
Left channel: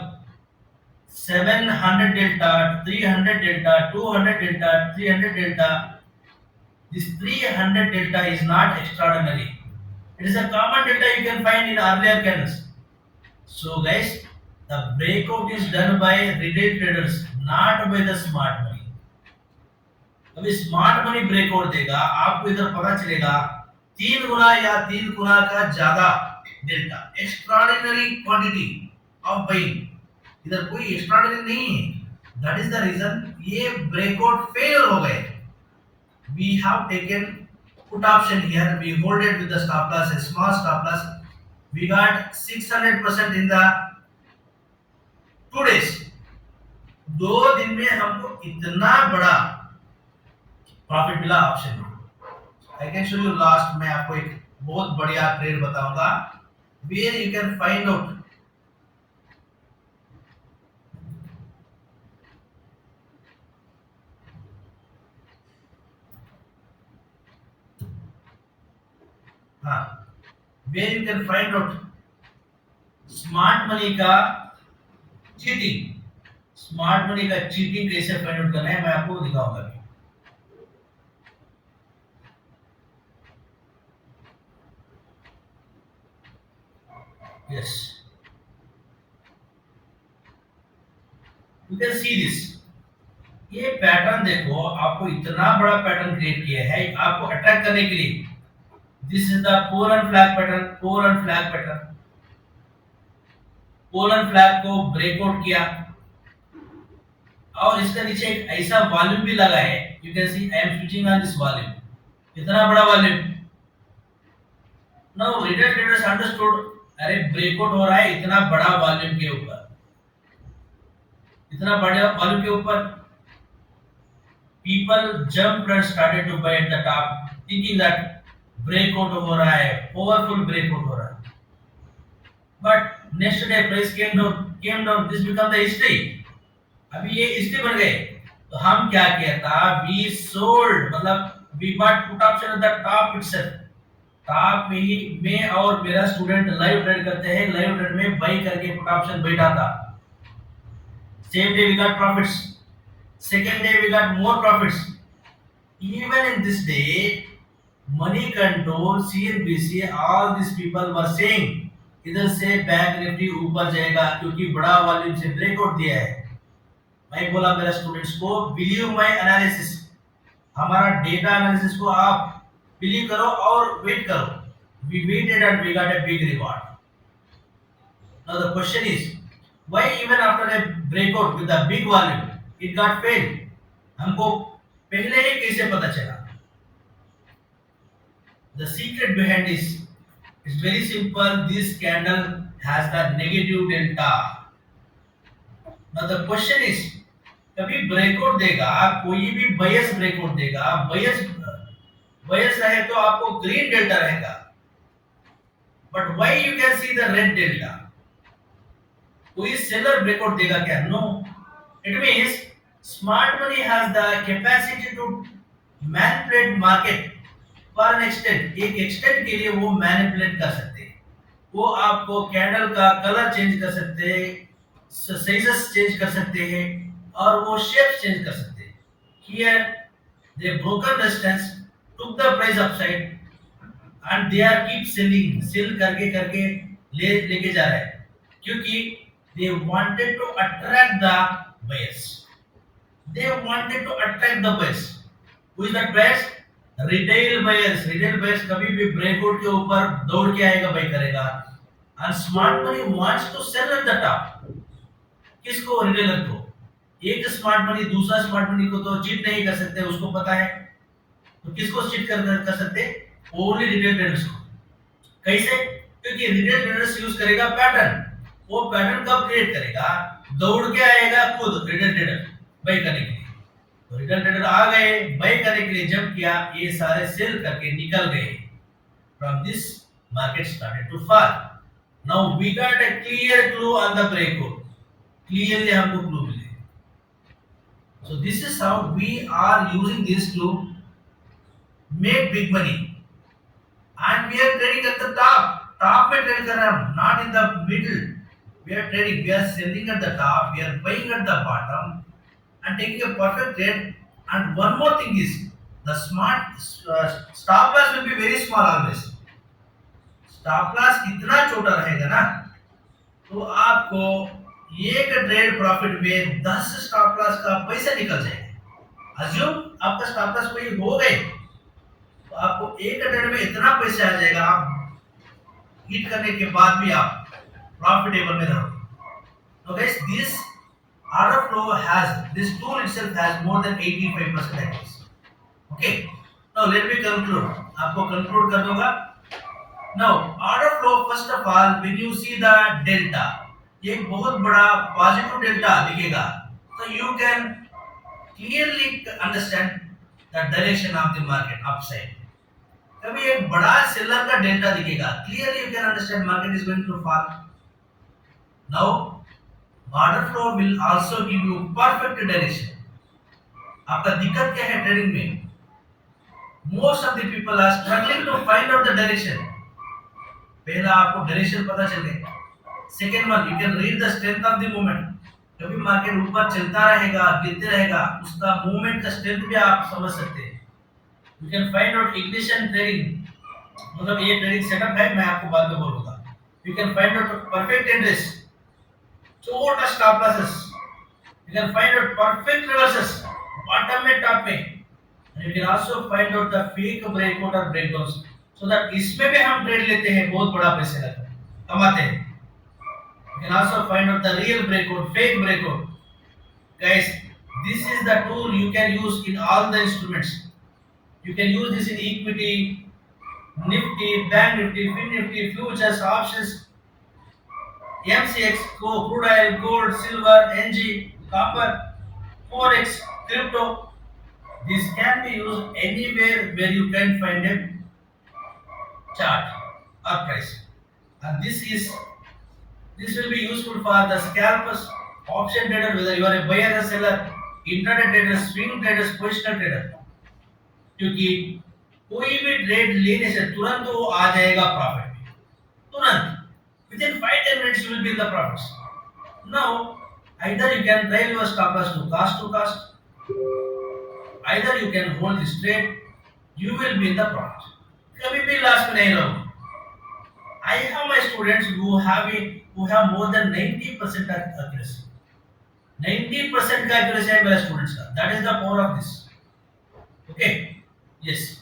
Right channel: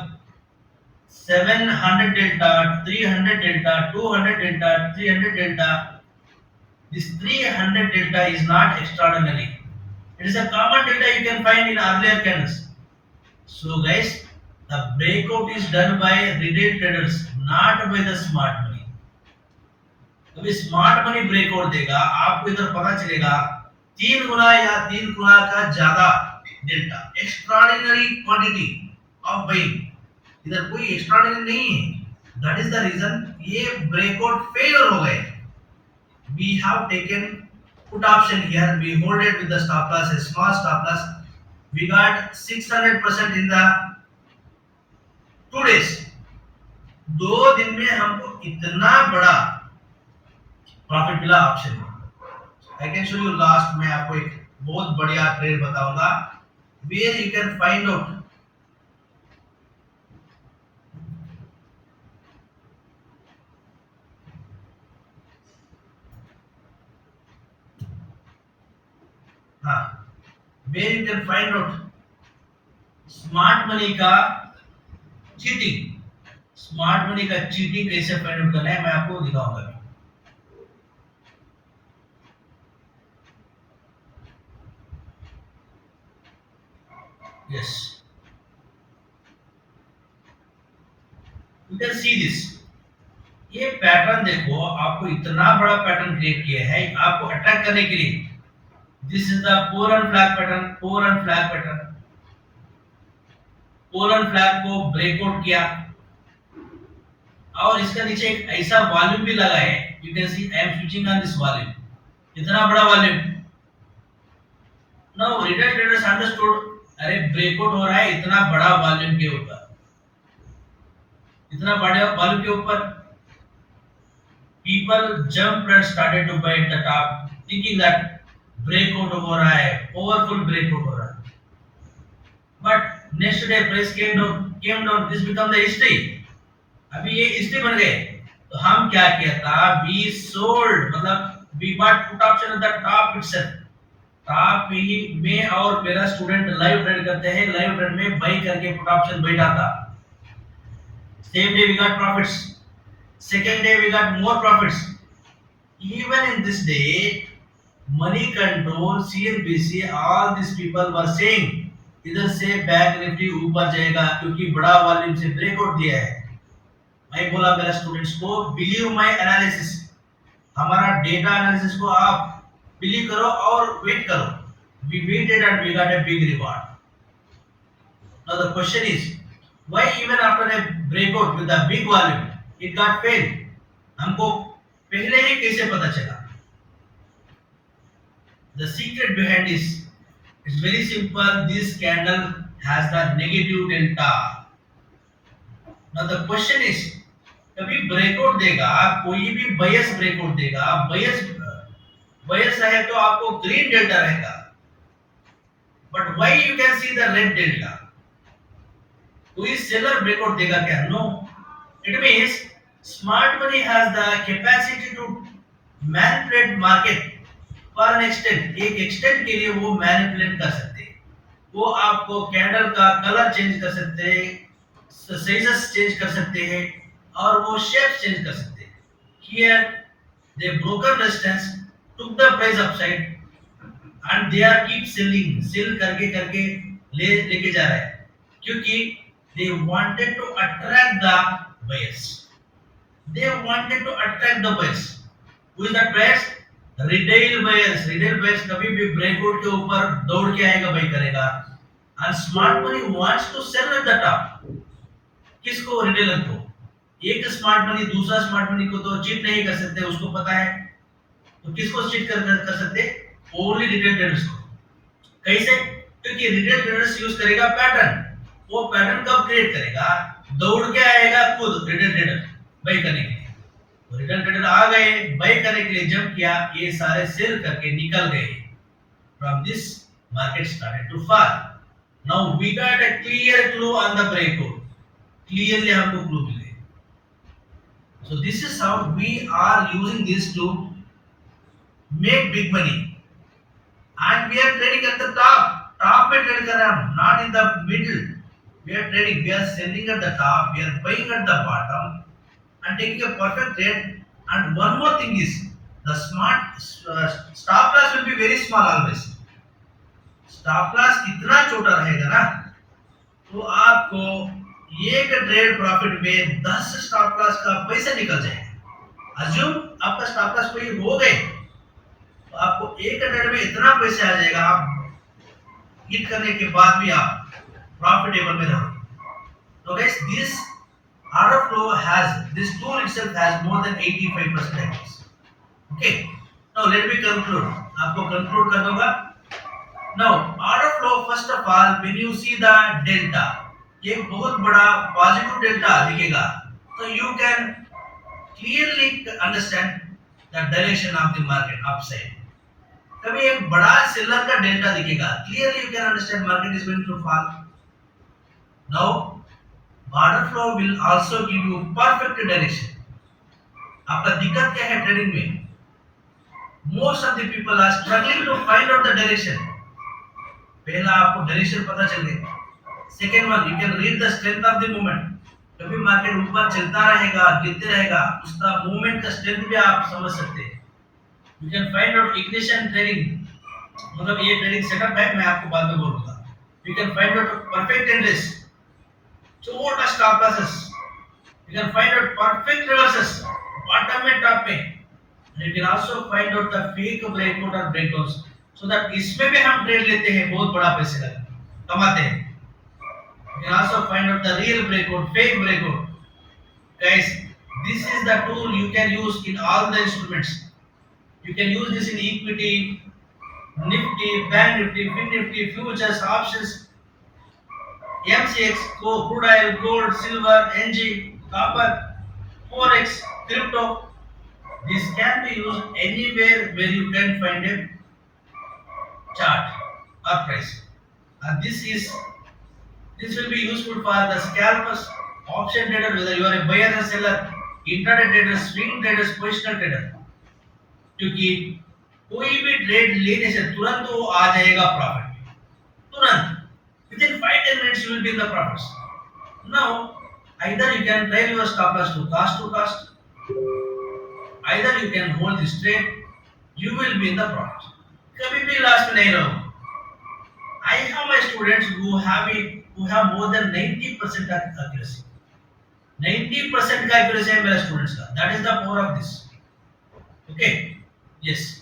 700 delta, 300 delta, 200 delta, 300 delta। this 300 delta is not extraordinary, it is a common delta you can find in earlier candles। so guys, the breakout is done by retail traders, not by the smart money। अभी smart money breakout देगा, आपको इधर पता चलेगा 3 गुना या 3 गुना का ज्यादा delta, extraordinary quantity of buying. इधर कोई एक्स्ट्राऑर्डिनरी नहीं है, दैट इज द रीजन ये ब्रेकआउट फेल हो गए। We have taken put option here, we hold it with the stop loss, a small stop loss, we got 600% in the 2 days। 2 दिन में हमको इतना बड़ा प्रॉफिट मिला ऑप्शन में। I can show you last, मैं आपको एक बहुत बढ़िया ट्रेड बताऊंगा where you can find out. हाँ, where you can find out smart money का चीटिंग। स्मार्ट मनी का चीटिंग कैसे फाइंड आउट करना है मैं आपको दिखाऊंगा। yes, you can see this, ये पैटर्न देखो, आपको इतना बड़ा पैटर्न क्रिएट किया है आपको अट्रैक्ट करने के लिए। This is the pollen flag pattern, pollen flag pattern. Pollen flag को ब्रेकआउट किया और इसका नीचे एक ऐसा वॉल्यूम भी लगा है। You can C I am switching on this volume, इतना बड़ा volume. Now retail traders understood, अरे ब्रेकआउट हो रहा है इतना बड़ा वॉल्यूम के ऊपर, इतना बड़े वॉल्यूम के ऊपर। People jumped and started to buy at the top, thinking that breakout हो रहा है, powerful breakout हो रहा है। But next day price came down. This become the history. अभी ये history बन गए। तो हम क्या किया था? We sold, मतलब we bought put option at the top itself. Top ही में और मेरा स्टूडेंट लाइव ट्रेड करते हैं, लाइव ट्रेड में बाई करके पुट ऑप्शन बैठा था। Same day we got profits, second day we got more profits. Even in this day, money control, CNBC, all these people were saying इधर से bank Nifty ऊपर जाएगा क्योंकि बड़ा वॉल्यूम से ब्रेकआउट दिया है। मैं बोला मेरे स्टूडेंट्स को, बिलीव माय एनालिसिस, हमारा डेटा एनालिसिस को आप बिलीव करो और वेट करो। We waited and we got a big reward. Now the question is, why even after a breakout with a big volume it got failed? हमको पहले ही कैसे पता चला? The secret behind this is very simple. This candle has the negative delta. Now the question is, कभी ब्रेकआउट देगा, कोई भी बायस ब्रेकआउट देगा, बायस रहे तो आपको ग्रीन डेल्टा रहेगा, but why you can see the red delta? कोई सेलर ब्रेकआउट देगा क्या? No. It means smart money has the capacity to manipulate market for an extent. एक एक्सटेंट के लिए वो मैनिपुलेट कर सकते हैं। वो आपको कैंडल का कलर चेंज कर सकते हैं, साइजेस चेंज कर सकते हैं और वो शेप चेंज कर सकते हैं। Here they broken resistance took the price upside and they are keep selling, sell करके करके लेके जा रहे हैं क्योंकि they wanted to attract the buyers. They wanted to attract the buyers. Who is that buyers? Retail buyers. Retail buyers कभी भी breakout के ऊपर दौड़ के आएगा, बाय करेगा। And smart money wants to sell at the top. किसको? रिटेलर को। एक स्मार्ट मनी दूसरा स्मार्ट मनी को तो चीट नहीं कर सकते, उसको पता है। तो किसको चीट कर सकते? ओनली रिटेल ट्रेडर्स को। कैसे? क्योंकि रिटेल ट्रेडर्स यूज करेगा पैटर्न। वो पैटर्न कब क्रिएट करेगा? दौड़ के आएगा खुद रिटेल ट्रेडर बाय करने के लिए। तो रिटेल ट्रेडर आ गए, बाय करने के लिए जंप किया, ये सारे सेल करके निकल गए। From this market started to fall. Now we got a clear clue on the breakout. Clearly हमको क्लू मिले। So this is how we are using this to make big money and we are trading at the top में trade कर रहे हैं हम, not in the middle. We are trading, we are selling at the top, we are buying at the bottom and taking a perfect trade. And one more thing is, the smart stop loss will be very small always. Stop loss इतना छोटा रहेगा ना, तो आपको एक trade profit में 10 stop loss का पैसा निकल जाएगा। अज्यूम आपका स्टॉप लॉस कोई हो गए, तो आपको एक ट्रेड में इतना पैसा आ जाएगा, आप हिट करने के बाद भी आप profitable में रहो। So guys, this order flow has, this tool itself has more than 85% accuracy. Okay, now let me conclude. आपको conclude करना होगा। Now order flow, first of all, when you see the delta, ये बहुत बड़ा positive delta दिखेगा, so you can clearly understand the direction of the market upside. कभी एक बड़ा सेलर का डेल्टा दिखेगा, clearly you can understand market is going to fall. Now, order flow will also give you perfect direction. आपका दिक्कत क्या है ट्रेडिंग में? Most of the people are struggling to find out the direction. पहला आपको डायरेक्शन पता चल गया। Second one, you can read the strength of the movement. कभी मार्केट ऊपर चलता रहेगा, गिरते रहेगा, उसका मूवमेंट का स्ट्रेंथ भी आप समझ सकते हैं। You can find out ignition trading. मतलब ये ट्रेडिंग सेटअप है, मैं आपको बाद में बोलूँगा। You can find out perfect entries. Total stop losses. You can find out perfect reverses. Bottom में टॉप में you can also find out the fake breakout और ब्रेकडाउन्स सो दैट इसमें भी हम ट्रेड लेते हैं बहुत बड़ा पैसे लगा कमाते हैं you can also find out the real breakout fake breakout guys this is the tool you can use in all the instruments you can use this in equity nifty bank nifty fin nifty futures options mcx crude oil gold silver ng copper forex crypto this can be used anywhere where you can find a chart or price and this will be useful for the scalpers option trader whether you are a buyer or seller intraday trader swing traders positional trader क्योंकि कोई भी ट्रेड लेने से तुरंत वो आ जाएगा प्रॉफिट में तुरंत within 5-10 minutes you will be in the profits now either you can trail your stop loss to cost either you can hold this trade you will be in the profit कभी भी लॉस में नहीं रहोगे I have my students who have more than 90% accuracy 90% का accuracy है मेरे स्टूडेंट्स का that is the power of this okay yes